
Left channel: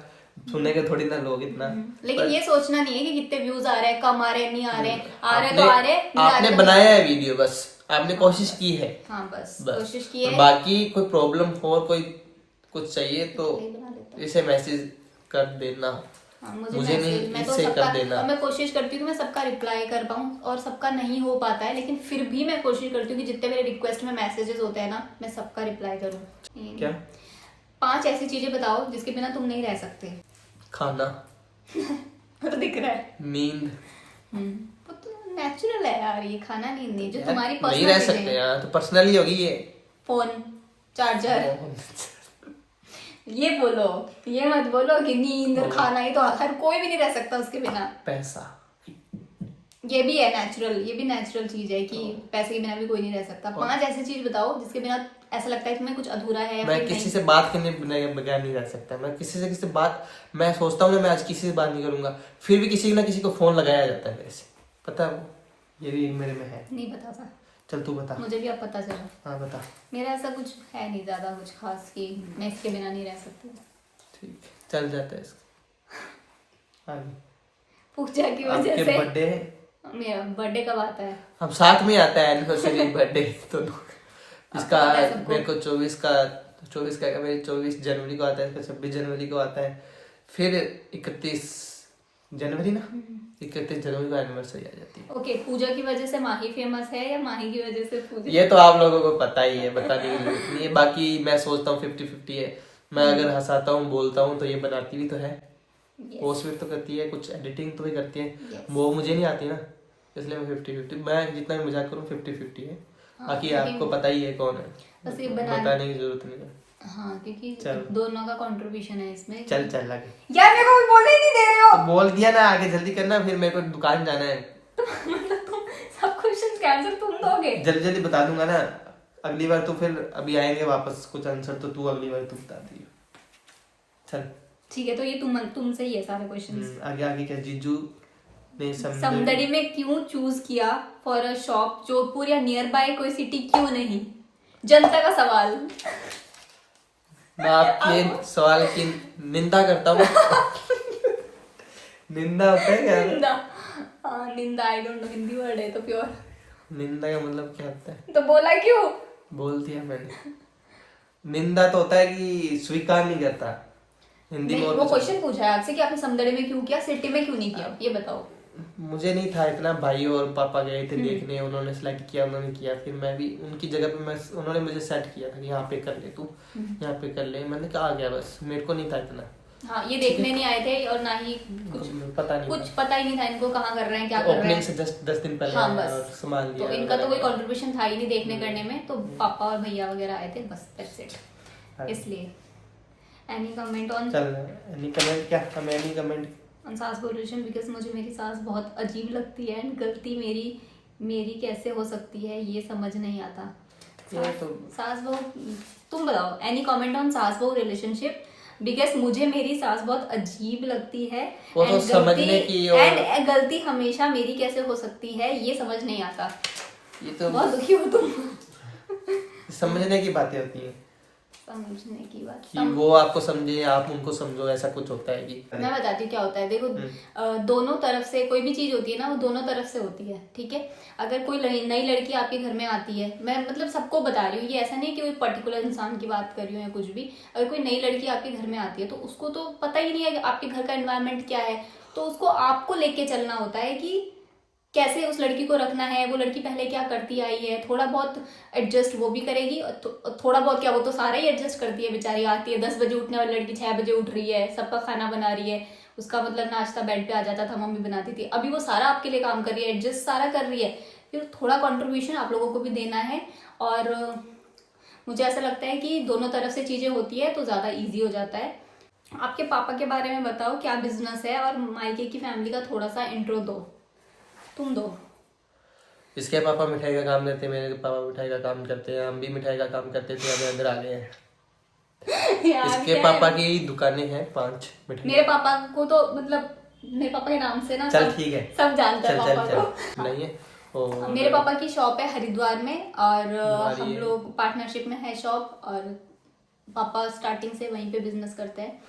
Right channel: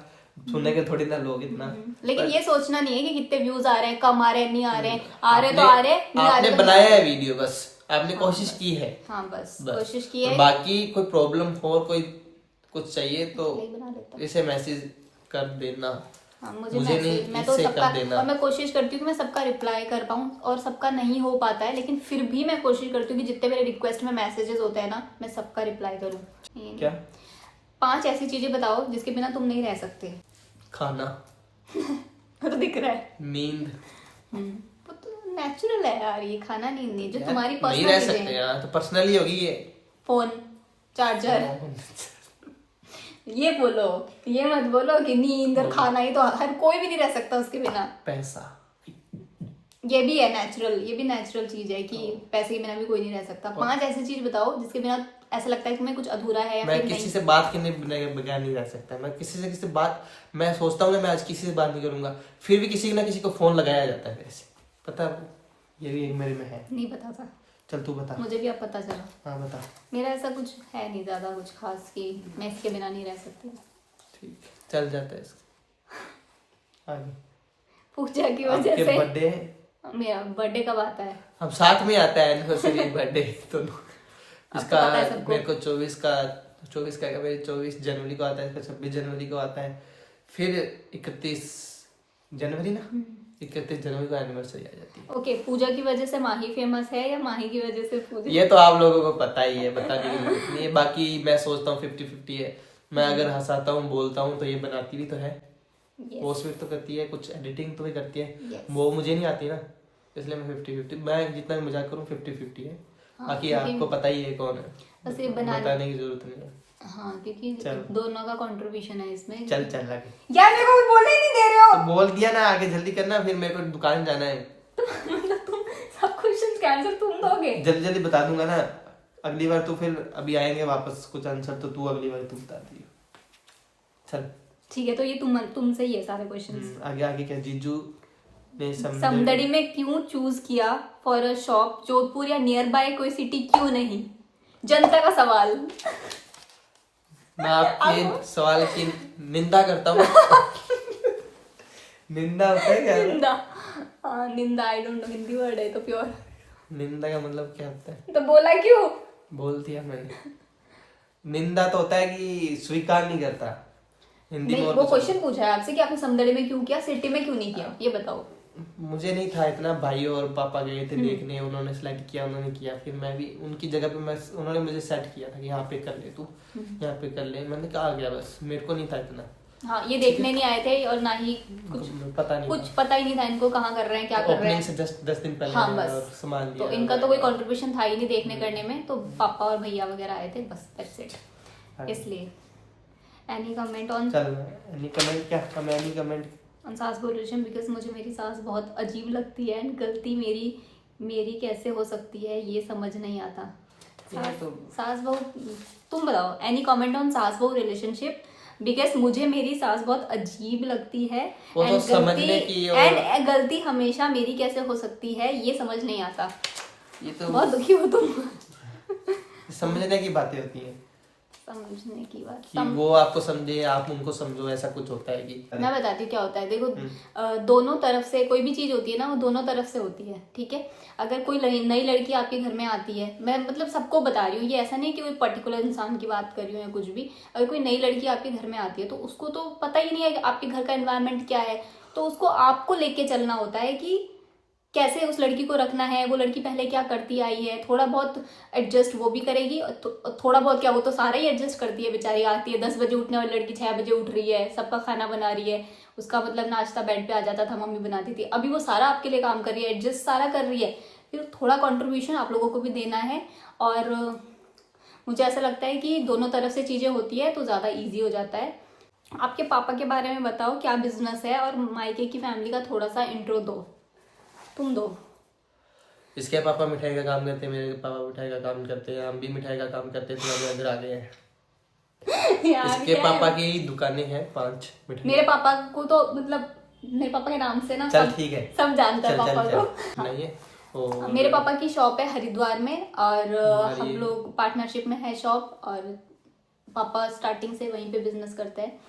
सुनेंगे थोड़ी ना लोग इतना। लेकिन ये सोचना नहीं है कि कितने व्यूज आ रहे हैं, कम आ रहे हैं, नहीं आ रहे हैं, आ रहे आपने तो आ रहे हैं, नहीं आ रहे आपने तो बनाया है वीडियो, बस आपने कोशिश की है। हाँ बस बस कोशिश की और है। बाकी कोई प्रॉब्लम हो और कोई कुछ चाहिए तो यही बना देते हैं। इसे मैसेज कर देना, हाँ, मुझे नहीं, मैं तो इससे सबका, कर देना। और मैं कोशिश करती हूँ कि मैं सबका रिप्लाई कर पाऊँ, और सबका नहीं हो पाता है, लेकिन फिर भी मैं कोशिश करती हूँ कि जितने मेरे रिक्वेस्ट में मैसेजेस होते हैं ना, मैं सबका रिप्लाई करूँ। क्या? 5 ऐसी चीजें बताओ जिसके बिना तुम नहीं रह सकते। खाना, वो तो दिख रहा है। नींद। वो तो नेचुरल है यार, ये खाना नींद नहीं, जो यार, तुम्हारी नहीं पर्सनल रह चीजें सकते हैं। यार, तो पर्सनली होगी ये। फोन, चार्जर, ये बोलो, ये मत बोलो कि नींद और खाना, ही तो हर कोई भी नहीं रह सकता उसके बिना। पैसा, ये भी है नेचुरल, ये भी नेचुरल चीज है कि पैसे के बिना भी कोई नहीं रह सकता। 5 ऐसी चीज बताओ जिसके बिना ऐसा लगता है कि मैं कुछ अधूरा है या मैं फिर किसी नहीं। से बात करने बगैर नहीं रह सकता। मैं किसी से बात, मैं सोचता हूँ ना मैं आज किसी से बात नहीं करूंगा, फिर भी किसी ना किसी को फोन लगाया जाता है मेरे से, पता है वो, ये भी एक मेरे में है। नहीं पता था, चल तू बता। मुझे भी अब पता चला। हाँ बता। मेरा ऐसा कुछ है नहीं ज्यादा कुछ खास कि मैं इसके बिना नहीं रह सकती। ठीक है, चल जाता है इसका आगे। पूजा की वजह आपके से बर्थडे, मेरा बर्थडे कब आता है? हम साथ में आता है एनिवर्सरी बर्थडे दोनों। इसका पता है सबको। मेरे को 24 का मेरे 24 जनवरी को आता है, इसका 26 जनवरी को आता है, फिर 31 जनवरी ना, 31 जनवरी को एनिवर्सरी आ जाती है। ओके, पूजा की वजह से माही फेमस है या माही की वजह से पूजा? ये तो आप लोगों को पता ही है, बताने की जरूरत नहीं है। बाकी मैं सोचता हूँ 50-50 है, मैं अगर हंसाता हूँ बोलता हूँ तो ये बनाती भी तो है, पोस्ट भी तो करती है, कुछ एडिटिंग तो भी करती है, वो मुझे नहीं आती ना, इसलिए मैं 50-50, मैं जितना भी मजाक करूँ 50-50 है। बाकी आपको पता ही है कौन है, बस ये बताने की जरूरत नहीं है। हाँ, क्योंकि चल। दोनों का कंट्रीब्यूशन है इसमें। चल चल आगे। यार मेरे को बोलने ही नहीं दे रहे हो। तो बोल दिया ना, आगे जल्दी करना, फिर मेरे को दुकान जाना है। मतलब तुम सब क्वेश्चंस का आंसर तुम दोगे? जल्दी जल्दी बता दूंगा ना, अगली बार तो फिर अभी आएंगे वापस कुछ आंसर, तो तू अगली बार तू बता दी। चल ठीक है, तो ये तुमसे ही है सारे क्वेश्चंस। आगे आगे क्या? जीजू ने समदड़ी में क्यों चूज किया फॉर अ शॉप? जोधपुर या नियर बाय कोई सिटी क्यों नहीं? जनता का सवाल। मैं आपके सवाल की निंदा करता हूँ। निंदा होता है क्या? निंदा, हाँ निंदा, I don't know, Hindi word है तो प्योर। निंदा का मतलब क्या होता है? तो बोला क्यों? बोल दिया मैंने। निंदा तो होता है कि स्वीकार नहीं करता, हिंदी में नहीं, और वो कुछ क्वेश्चन पूछा है आपसे कि आपने समदड़ी में क्यों किया, सिटी में क्यों नहीं किया, ये बताओ। मुझे नहीं था इतना, भाई और पापा गए थे देखने, उन्होंने सिलेक्ट किया, उन्होंने किया, फिर मैं भी उनकी जगह पे, मैं उन्होंने मुझे सेट किया था कि यहाँ पे कर ले तू, यहाँ पे कर ले, मैंने कहा आ गया, बस मेरे को नहीं था इतना। हाँ, ये देखने नहीं आए थे और ना ही कुछ पता नहीं कुछ पता ही नहीं था इनको कहाँ कर रहे हैं, क्या कर रहे ओपनिंग हैं। से जस्ट 10 दिन पहले हाँ, आया बस। और सामान तो लिया। इनका तो कोई कंट्रीब्यूशन था ही नहीं देखने करने में, तो पापा और भैया वगैरह आए थे, बस दैट्स इट। इसलिए एनी कमेंट ऑन, चल एनी कमेंट, क्या हम एनी कमेंट ऑन सास बहू रिलेशन? बिकॉज मुझे मेरी सास बहुत अजीब लगती है एंड गलती मेरी कैसे हो सकती है ये समझ नहीं आता। ये तो सास बहू, तुम बताओ एनी कमेंट ऑन सास बहू रिलेशनशिप? बिकॉज मुझे मेरी सास बहुत अजीब लगती है, वो तो समझने की और एंड गलती हमेशा मेरी कैसे हो सकती है ये समझ नहीं आता। ये तो बहुत दुखी हो तुम। समझने की बातें होती हैं। समझने की बात कि वो आपको समझे, आप उनको समझो, ऐसा कुछ होता है कि मैं बताती हूँ क्या होता है। देखो दोनों तरफ से कोई भी चीज होती है ना, वो दोनों तरफ से होती है, ठीक है। अगर कोई नई लड़की आपके घर में आती है, मैं मतलब सबको बता रही हूँ, ये ऐसा नहीं कि कोई पर्टिकुलर इंसान की बात कर रही हूँ या कुछ भी। अगर कोई नई लड़की आपके घर में आती है तो उसको तो पता ही नहीं है कि आपके घर का एनवायरनमेंट क्या है, तो उसको आपको लेके चलना होता है कि कैसे उस लड़की को रखना है, वो लड़की पहले क्या करती आई है, थोड़ा बहुत एडजस्ट वो भी करेगी, थोड़ा बहुत क्या, वो तो सारा ही एडजस्ट करती है बेचारी। आती है 10 बजे उठने वाली लड़की 6 बजे उठ रही है, सबका खाना बना रही है, उसका मतलब नाश्ता बेड पे आ जाता था, मम्मी बनाती थी, अभी वो सारा आपके लिए काम कर रही है, एडजस्ट सारा कर रही है। फिर थोड़ा कॉन्ट्रीब्यूशन आप लोगों को भी देना है। और मुझे ऐसा लगता है कि दोनों तरफ से चीज़ें होती है तो ज़्यादा ईजी हो जाता है। आपके पापा के बारे में बताओ, क्या बिजनेस है, और मायके की फैमिली का थोड़ा सा इंट्रो दो, तुम दो। इसके पापा मिठाई का काम करते हैं, मेरे पापा मिठाई का काम करते हैं, हम भी मिठाई का काम करते थे, अब इधर आ गए हैं। यार इसके क्या पापा है? की दुकानें हैं 5 मिठाई। मेरे पापा को तो मतलब मेरे पापा के नाम से ना चल ठीक है, सब जानता है चल पापा चल को। चल नहीं है। और मेरे पापा की शॉप है हरिद्वार में, और हमारी हम लोग पार्टनरशिप में है शॉप, और पापा स्टार्टिंग से वहीं पे बिजनेस करते हैं।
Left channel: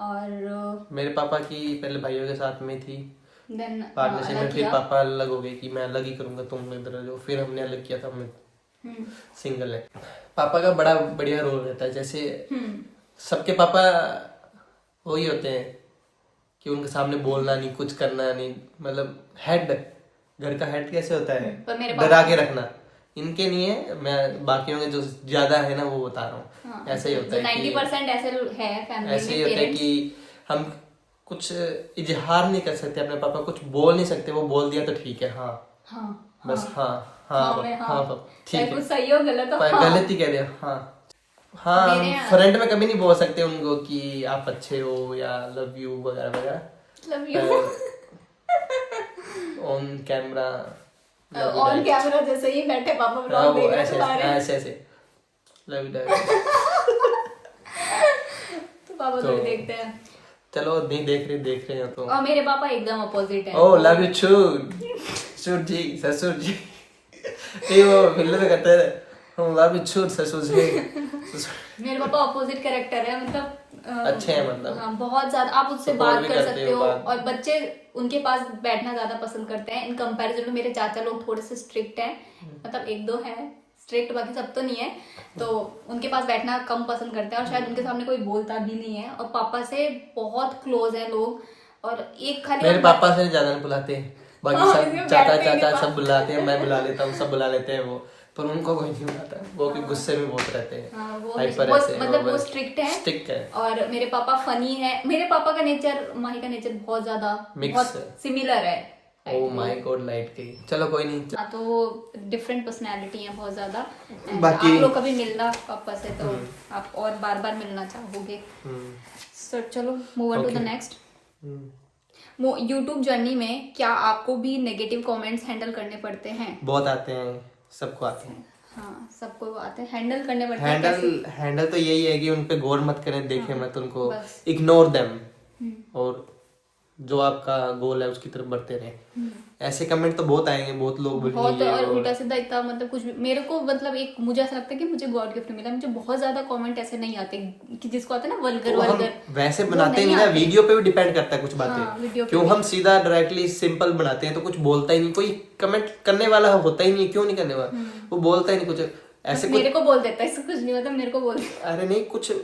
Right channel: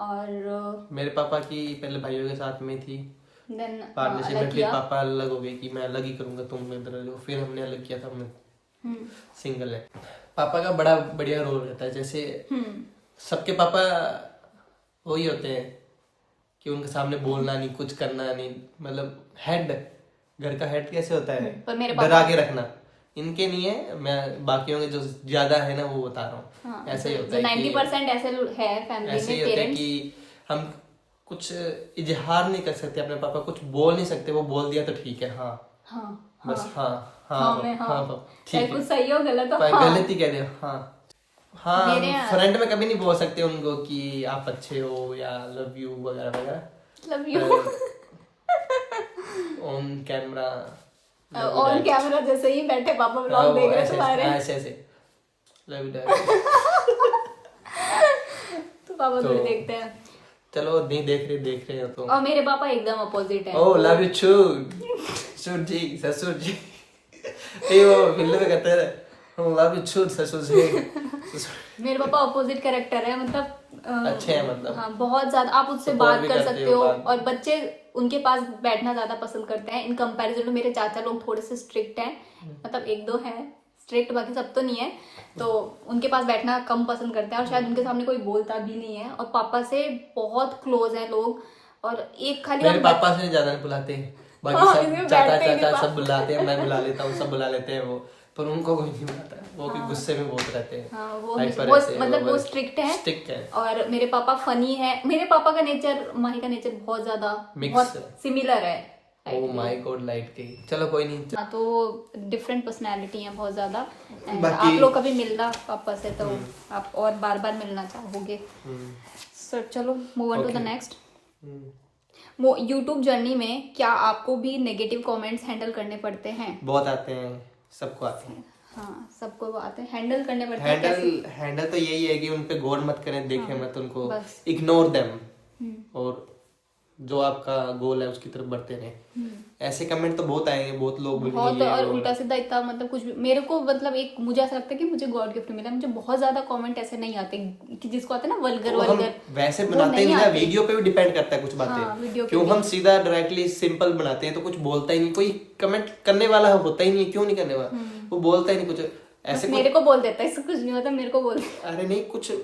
और मेरे पापा की पहले भाइयों के साथ में थी देन पार्टनरशिप में, अलग फिर किया। पापा अलग हो गए कि मैं अलग ही करूंगा, तुम इधर रहो, फिर हमने अलग किया था, मैं सिंगल है। पापा का बड़ा बढ़िया रोल रहता है, जैसे सबके पापा वही होते हैं कि उनके सामने बोलना नहीं, कुछ करना नहीं, मतलब हेड, घर का हेड कैसे होता है, पर मेरे डरा के रखना, इनके नहीं है। मैं बाकियों के जो ज्यादा है ना वो बता रहा हूँ। हाँ, ऐसा ही होता है 90% ऐसे है फैमिली ऐसे ही में, होता है पेरेंट्स। कि हम कुछ इजहार नहीं कर सकते अपने पापा, कुछ बोल नहीं सकते, वो बोल दिया तो ठीक है, हाँ हाँ बस, हाँ हाँ हाँ मैं हाँ हाँ, पापा चाहे ठीक है, कुछ सही हो गलत हो, पर हाँ। गलत ही कह दिया, हाँ हाँ। मेरे हम फ्रंट में कभी नहीं बोल सकते उनको कि आप अच्छे हो या लव यू वगैरह वगैरह, love you on camera on camera जैसे ही बैठे पापा हाँ ब्लॉग वो देख रहे ऐसे तुम्हारे, ऐसे ऐसे लव यू डैड। तो पापा तो थोड़ी देखते हैं। चलो नहीं देख रहे हो तो। और मेरे पापा एकदम अपोजिट है। ओ लव यू छूट छूट जी ससुर जी। ये वो फिल्म में कहते हैं लव यू छूट ससुर जी। मेरे पापा अपोजिट कैरेक्टर है, मतलब अच्छे हैं, मतलब हाँ बहुत ज्यादा। आप उससे Support बात भी कर करते सकते हो हो, बात। और बच्चे उनके पास बैठना ज्यादा पसंद करते हैं इन कंपैरिजन टू मेरे चाचा लोग, थोड़े से स्ट्रिक्ट हैं, मतलब एक दो हैं स्ट्रिक्ट, बाकी सब तो नहीं है, तो उनके पास बैठना कम पसंद करते हैं, और शायद उनके सामने कोई बोलता भी नहीं है। और पापा से बहुत क्लोज हैं लोग, और एक खाली मेरे आप पापा से ज्यादा नहीं बुलाते हैं, बाकी हाँ, सब इसमें चाचा बैठते ही चाचा नहीं सब बुलाते हैं, मैं बुला लेता हूँ, सब बुला लेते हैं वो, पर उनको कोई नहीं बुलाता, वो भी गुस्से में बहुत रहते हैं, हाँ, वो हाइपर वो रहते हैं, मतलब वो स्ट्रिक्ट है। स्टिक है। और मेरे पापा फनी है, मेरे पापा का नेचर माही का नेचर बहुत ज्यादा Mix बहुत है। सिमिलर है। ओ माय गॉड लाइट गई, चलो कोई नहीं। हाँ, तो वो डिफरेंट पर्सनैलिटी है बहुत ज्यादा। And बाकी- आप लोग कभी मिलना पापा से तो आप और बार बार मिलना चाहोगे। सो चलो move on to the Okay. Next. YouTube journey में क्या आपको भी नेगेटिव कमेंट्स हैंडल करने पड़ते हैं? बहुत आते हैं, सबको आते हैं। हाँ, सबको आते हैं, हैंडल करने पड़ते हैं। कैसे? हैंडल तो यही है कि उन पे गौर मत करें, देखें मत उनको, बस। इग्नोर देम, और जो आपका गोल है उसकी तरफ बढ़ते रहें। ऐसे कमेंट तो बहुत आएंगे, बहुत लोग बहुत, बोलेंगे, और उल्टा सीधा इतना मतलब कुछ भी मेरे को, मतलब एक मुझे ऐसा लगता है कि मुझे गॉड गिफ्ट मिला, मुझे बहुत ज्यादा कमेंट ऐसे नहीं आते कि जिसको आते हैं ना वल्गर तो हम वल्गर, वैसे वो बनाते नहीं ना, आते। वीडियो पे भी डिपेंड करता है कुछ हाँ, बातें, वीडियो पे क्यों भी। हम सीधा डायरेक्टली सिंपल बनाते हैं तो कुछ बोलता ही नहीं, कोई कमेंट करने वाला होता ही नहीं, क्यों नहीं करने वाला, वो बोलता ही नहीं कुछ ऐसे कुछ। मेरे को बोल देता है, इससे कुछ नहीं होता, मेरे को बोल देता अरे नहीं कुछ, है,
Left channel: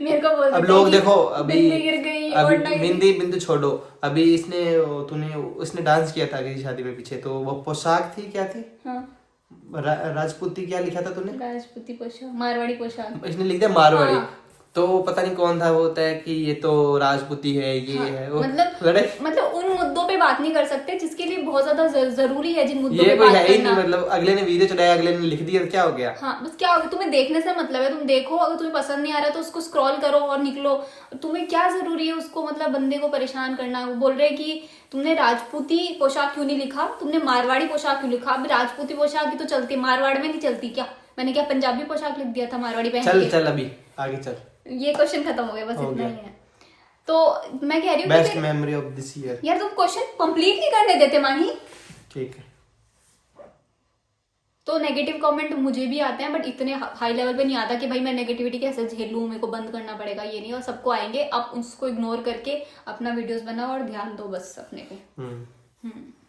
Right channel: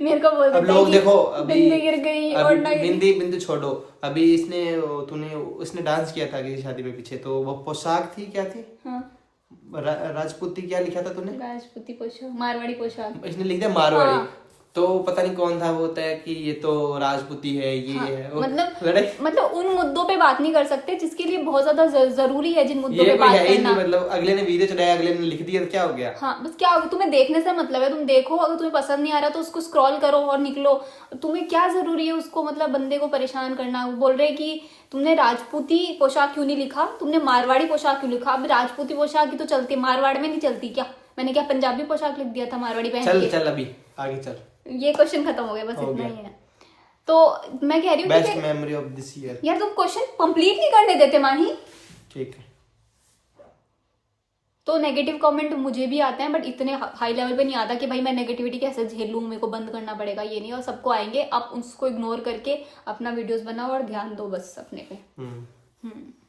मेरे को बोल देता अब है लोग कि देखो अभी बिंदी गिर गई और नहीं। बिंदी बिंदी छोड़ो, अभी उसने डांस किया था किसी शादी में पीछे, तो वो पोशाक थी, क्या थी, हाँ, राजपूती, क्या लिखा था तूने, राजपूती पोशाक, मारवाड़ी पोशाक। इसने लिख दिया मारवाड़ी, हाँ। तो पता नहीं कौन था, वो होता है कि ये तो राजपूती है, ये है वो, मतलब उन मुद्दों पे बात नहीं कर सकते जिसके लिए बहुत ज्यादा जरूरी है, जिन मुद्दों ये पे कोई बात है ही करना। नहीं, मतलब अगले ने वीडियो चलाया, अगले ने लिख दिया, तो क्या हो गया। हाँ, बस क्या होगा, तुम्हें देखने से मतलब है, तुम देखो, अगर तुम्हें पसंद नहीं आ रहा तो उसको स्क्रॉल करो और निकलो। तुम्हें क्या जरूरी है उसको मतलब बंदे को परेशान करना। वो बोल रहे कि तुमने राजपूती पोशाक क्यों नहीं लिखा, तुमने मारवाड़ी पोशाक क्यों लिखा। अभी राजपूती पोशाक ही तो चलती, मारवाड़ में नहीं चलती क्या? मैंने क्या पंजाबी पोशाक लिख दिया था मारवाड़ी पहन चल के? चल अभी आगे चल, ये क्वेश्चन खत्म हो गया, बस हो इतना गया। ही है। तो मैं कह रही हूँ बेस्ट कि मेमोरी ऑफ दिस ईयर। यार तुम क्वेश्चन कंप्लीट नहीं करने देते माही। ठीक है तो नेगेटिव कमेंट मुझे भी आते हैं, बट इतने हाई लेवल पे नहीं आता कि भाई मैं नेगेटिविटी कैसे झेलूं, मेरे को बंद करना पड़ेगा, ये नहीं। और सबको आएंगे, आप उसको इग्नोर करके अपना वीडियोस बनाओ और ध्यान दो बस अपने को।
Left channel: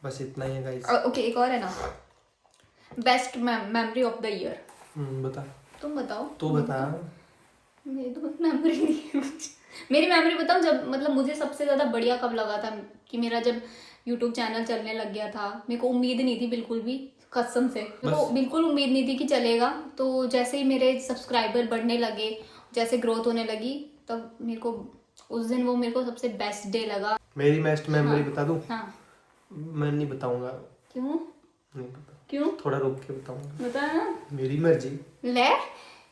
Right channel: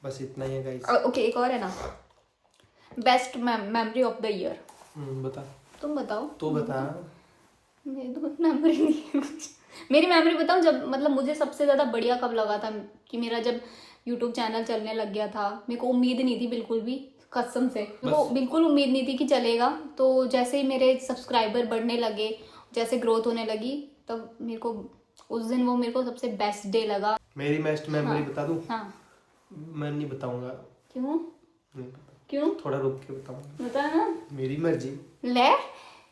बस इतना ही है गाइस। ओके, एक और है ना, best memory of the year. बता, तुम बताओ। तू बता। मेरी तो मेमोरी नहीं है कुछ। मेरी मेमोरी बताऊं, जब मतलब मुझे सबसे ज्यादा बढ़िया कब लगा था कि मेरा जब यूट्यूब चैनल चलने लग गया था, मेरे को उम्मीद नहीं थी बिल्कुल भी, कसम से मेरे को बिल्कुल उम्मीद नहीं थी कि चलेगा। तो जैसे ही मेरे सब्सक्राइबर बढ़ने लगे, जैसे ग्रोथ होने लगी, तब मेरे को उस दिन वो मेरे को सबसे बेस्ट डे लगा। मेरी बेस्ट मेमोरी बता दूं? हाँ। मैं नहीं बताऊंगा। क्यों? नहीं पता। क्यों? थोड़ा रुक के बताऊंगा। बता ना। मेरी मर्जी। ले,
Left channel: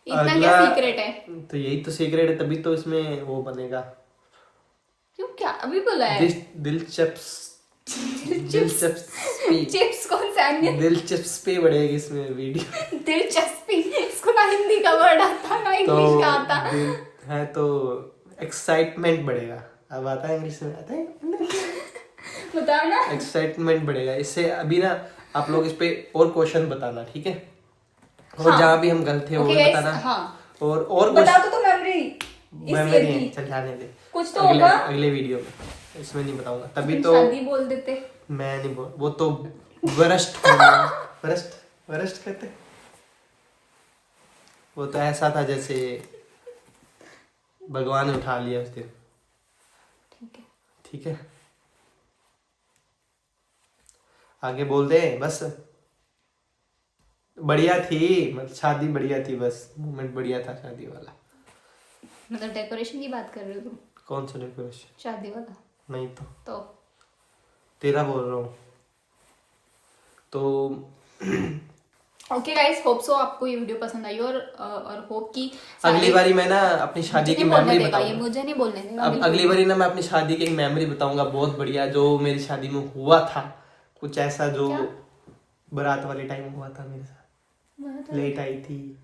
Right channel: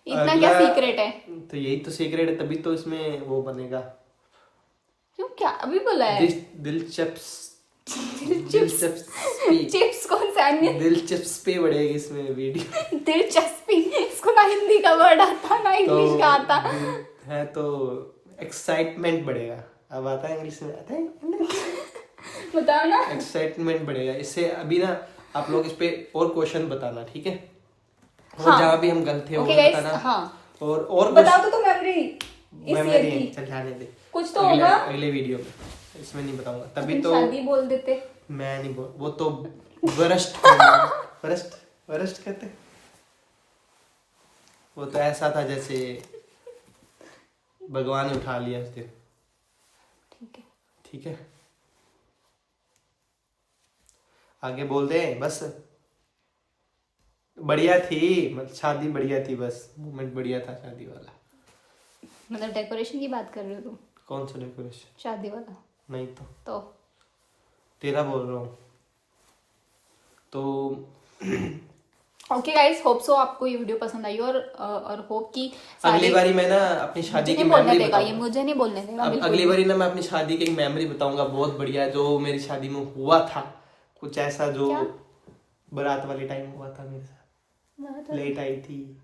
इतना क्या सीक्रेट है? तो यही तो सीक्रेट है, तभी तो इसमें वो बनेगा। क्यों, क्या अभी बोला है? चिप्स कौन सा है? दिलचस्पी बढ़ेगी इसमें वीडियो। दिलचस्पी, इसको ना हिंदी का वर्ड आता ना इंग्लिश का आता है, तो एक्साइटमेंट बढ़ेगा। अब आता है इंग्लिश में, आता है बता ना। एक्साइटमेंट बढ़ेगा इससे। अभी ना आप लोग इस पे और क्वेश्चन बताना, ठीक है? और जहाँ भी हम गलत थे वो भी बताना। और बताओ तो मेमोरी है, चल जाने दे, कुछ तो होगा अगले वीडियो में, इसमें नहीं बताऊंगा। तभी तो शादी बोल देते। मैं नहीं बोल, वो तो वरस्ट वरस्ट कहते। वो तो ऐसा था जैसे भगवान ने उठा लिया उस दिन। ठीक है, आगे बोल दे बस। बढ़िया थी, मतलब शादी बढ़िया थी, बस मोमेंट बढ़िया था शादी वाला। मतलब डेकोरेशन की बात कर रहे हो तुम? कौन सा डेकोरेशन? शादी वाला नहीं तो तेरा बोल रहा हूँ तो। ओके गाइस, होप सो आपको ये वीडियो पसंद आई और होप कि अगली बारी मैं ना अपनी शादी की मेमोरी बताऊंगा। मुझे नहीं बोलने देगा। अब अगली बारी ना मैं अपनी शादी की एक मेमोरी बताऊंगा बहुत बढ़िया, जो मेरी शादी में हुआ था। कुछ ऐसा जो बारात वाले टाइम हुआ था मेरे साथ, लेट आई थी।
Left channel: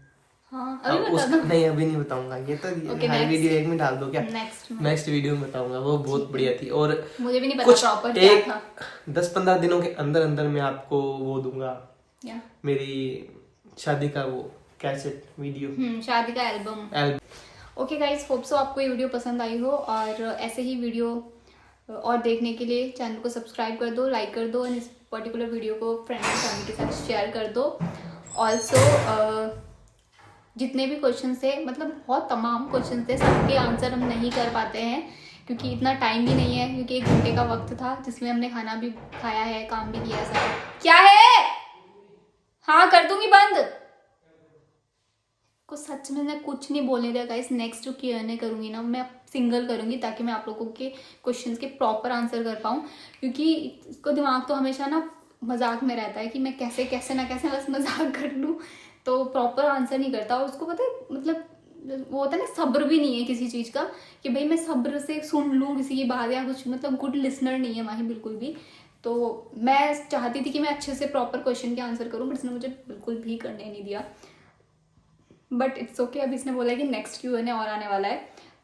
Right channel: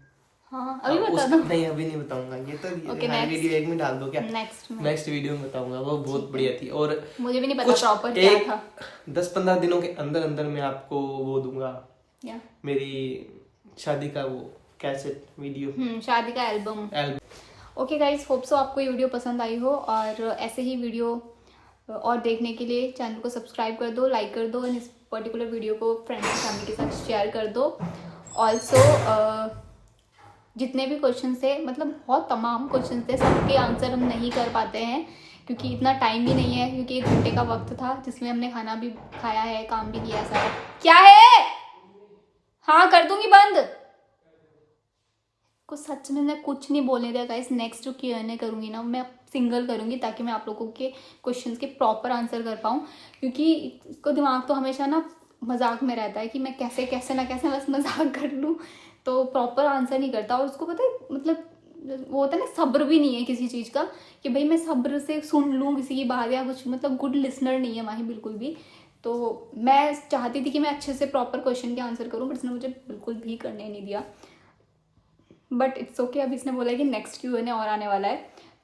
हाँ, नहीं अभी नहीं बताऊंगा। ये तो हर वीडियो एक में डाल दो क्या? नेक्स्ट वीडियो में बताऊंगा, वो बहुत बढ़िया थी। और मुझे भी नहीं पता प्रॉपर क्या था। 10-15 दिनों के अंदर अंदर मैं आपको वो दूंगा, मेरी शादी का वो कैसेट वीडियो, शादी का album. Okay guys, hope so आपको ये वीडियो पसंद आई हो, और ऐसे ही वीडियो और देखने के लिए चैनल को सब्सक्राइब कर दो, लाइक कर दो, और इस पर्टिकुलर वीडियो को फ्रेंड्स एंड फैमिली के साथ शेयर कर दो। ऑल्सो जितने भी क्वेश्चन थे, मतलब बहुत तमाम क्वेश्चन थे, सबके आंसर हम नहीं कर पाते हैं क्योंकि इतना टाइम भी नहीं है, क्योंकि 1 घंटे का वक्त था जिसमें हमने खाना भी खाया है, काम भी किया सारा। क्या है? हाँ, कर दूंगी बंद। को सच में मैं कुछ नहीं बोलने दिया गाइस। नेक्स्ट जो Q&A करूंगी ना, मैं सिंगल करूंगी ताकि मैं आप लोगों के क्वेश्चंस के प्रॉपर आंसर कर पाऊँ, क्योंकि इसको दिमाग तो हमेशा ना मजाक में रहता है कि मैं कैसे ना कैसे बस मजाक कर लूँ, तो प्रॉपर आंसर नहीं करता। और उसको पता है, मतलब वो होता है ना, सब्र भी नहीं है किसी चीज़ का कि भाई मैं सब्र से सुन लूँ किसी की बात या कुछ, मतलब गुड लिसनर नहीं है माही बिल्कुल भी। तो मैं चाहती थी कि मैं अच्छे से प्रॉपर क्वेश्चन के आंसर करूँ, बट इसने मुझे बिल्कुल भी करने नहीं दिया। बट इट्स ओके, अभी इसने बोला है कि नेक्स्ट Q&A और आने वाला है,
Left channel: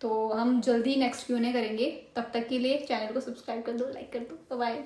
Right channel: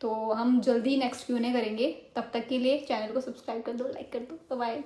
तो हम जल्दी नेक्स्ट Q&A करेंगे। तब तक के लिए चैनल को सब्सक्राइब कर दो, लाइक कर दो। बाय।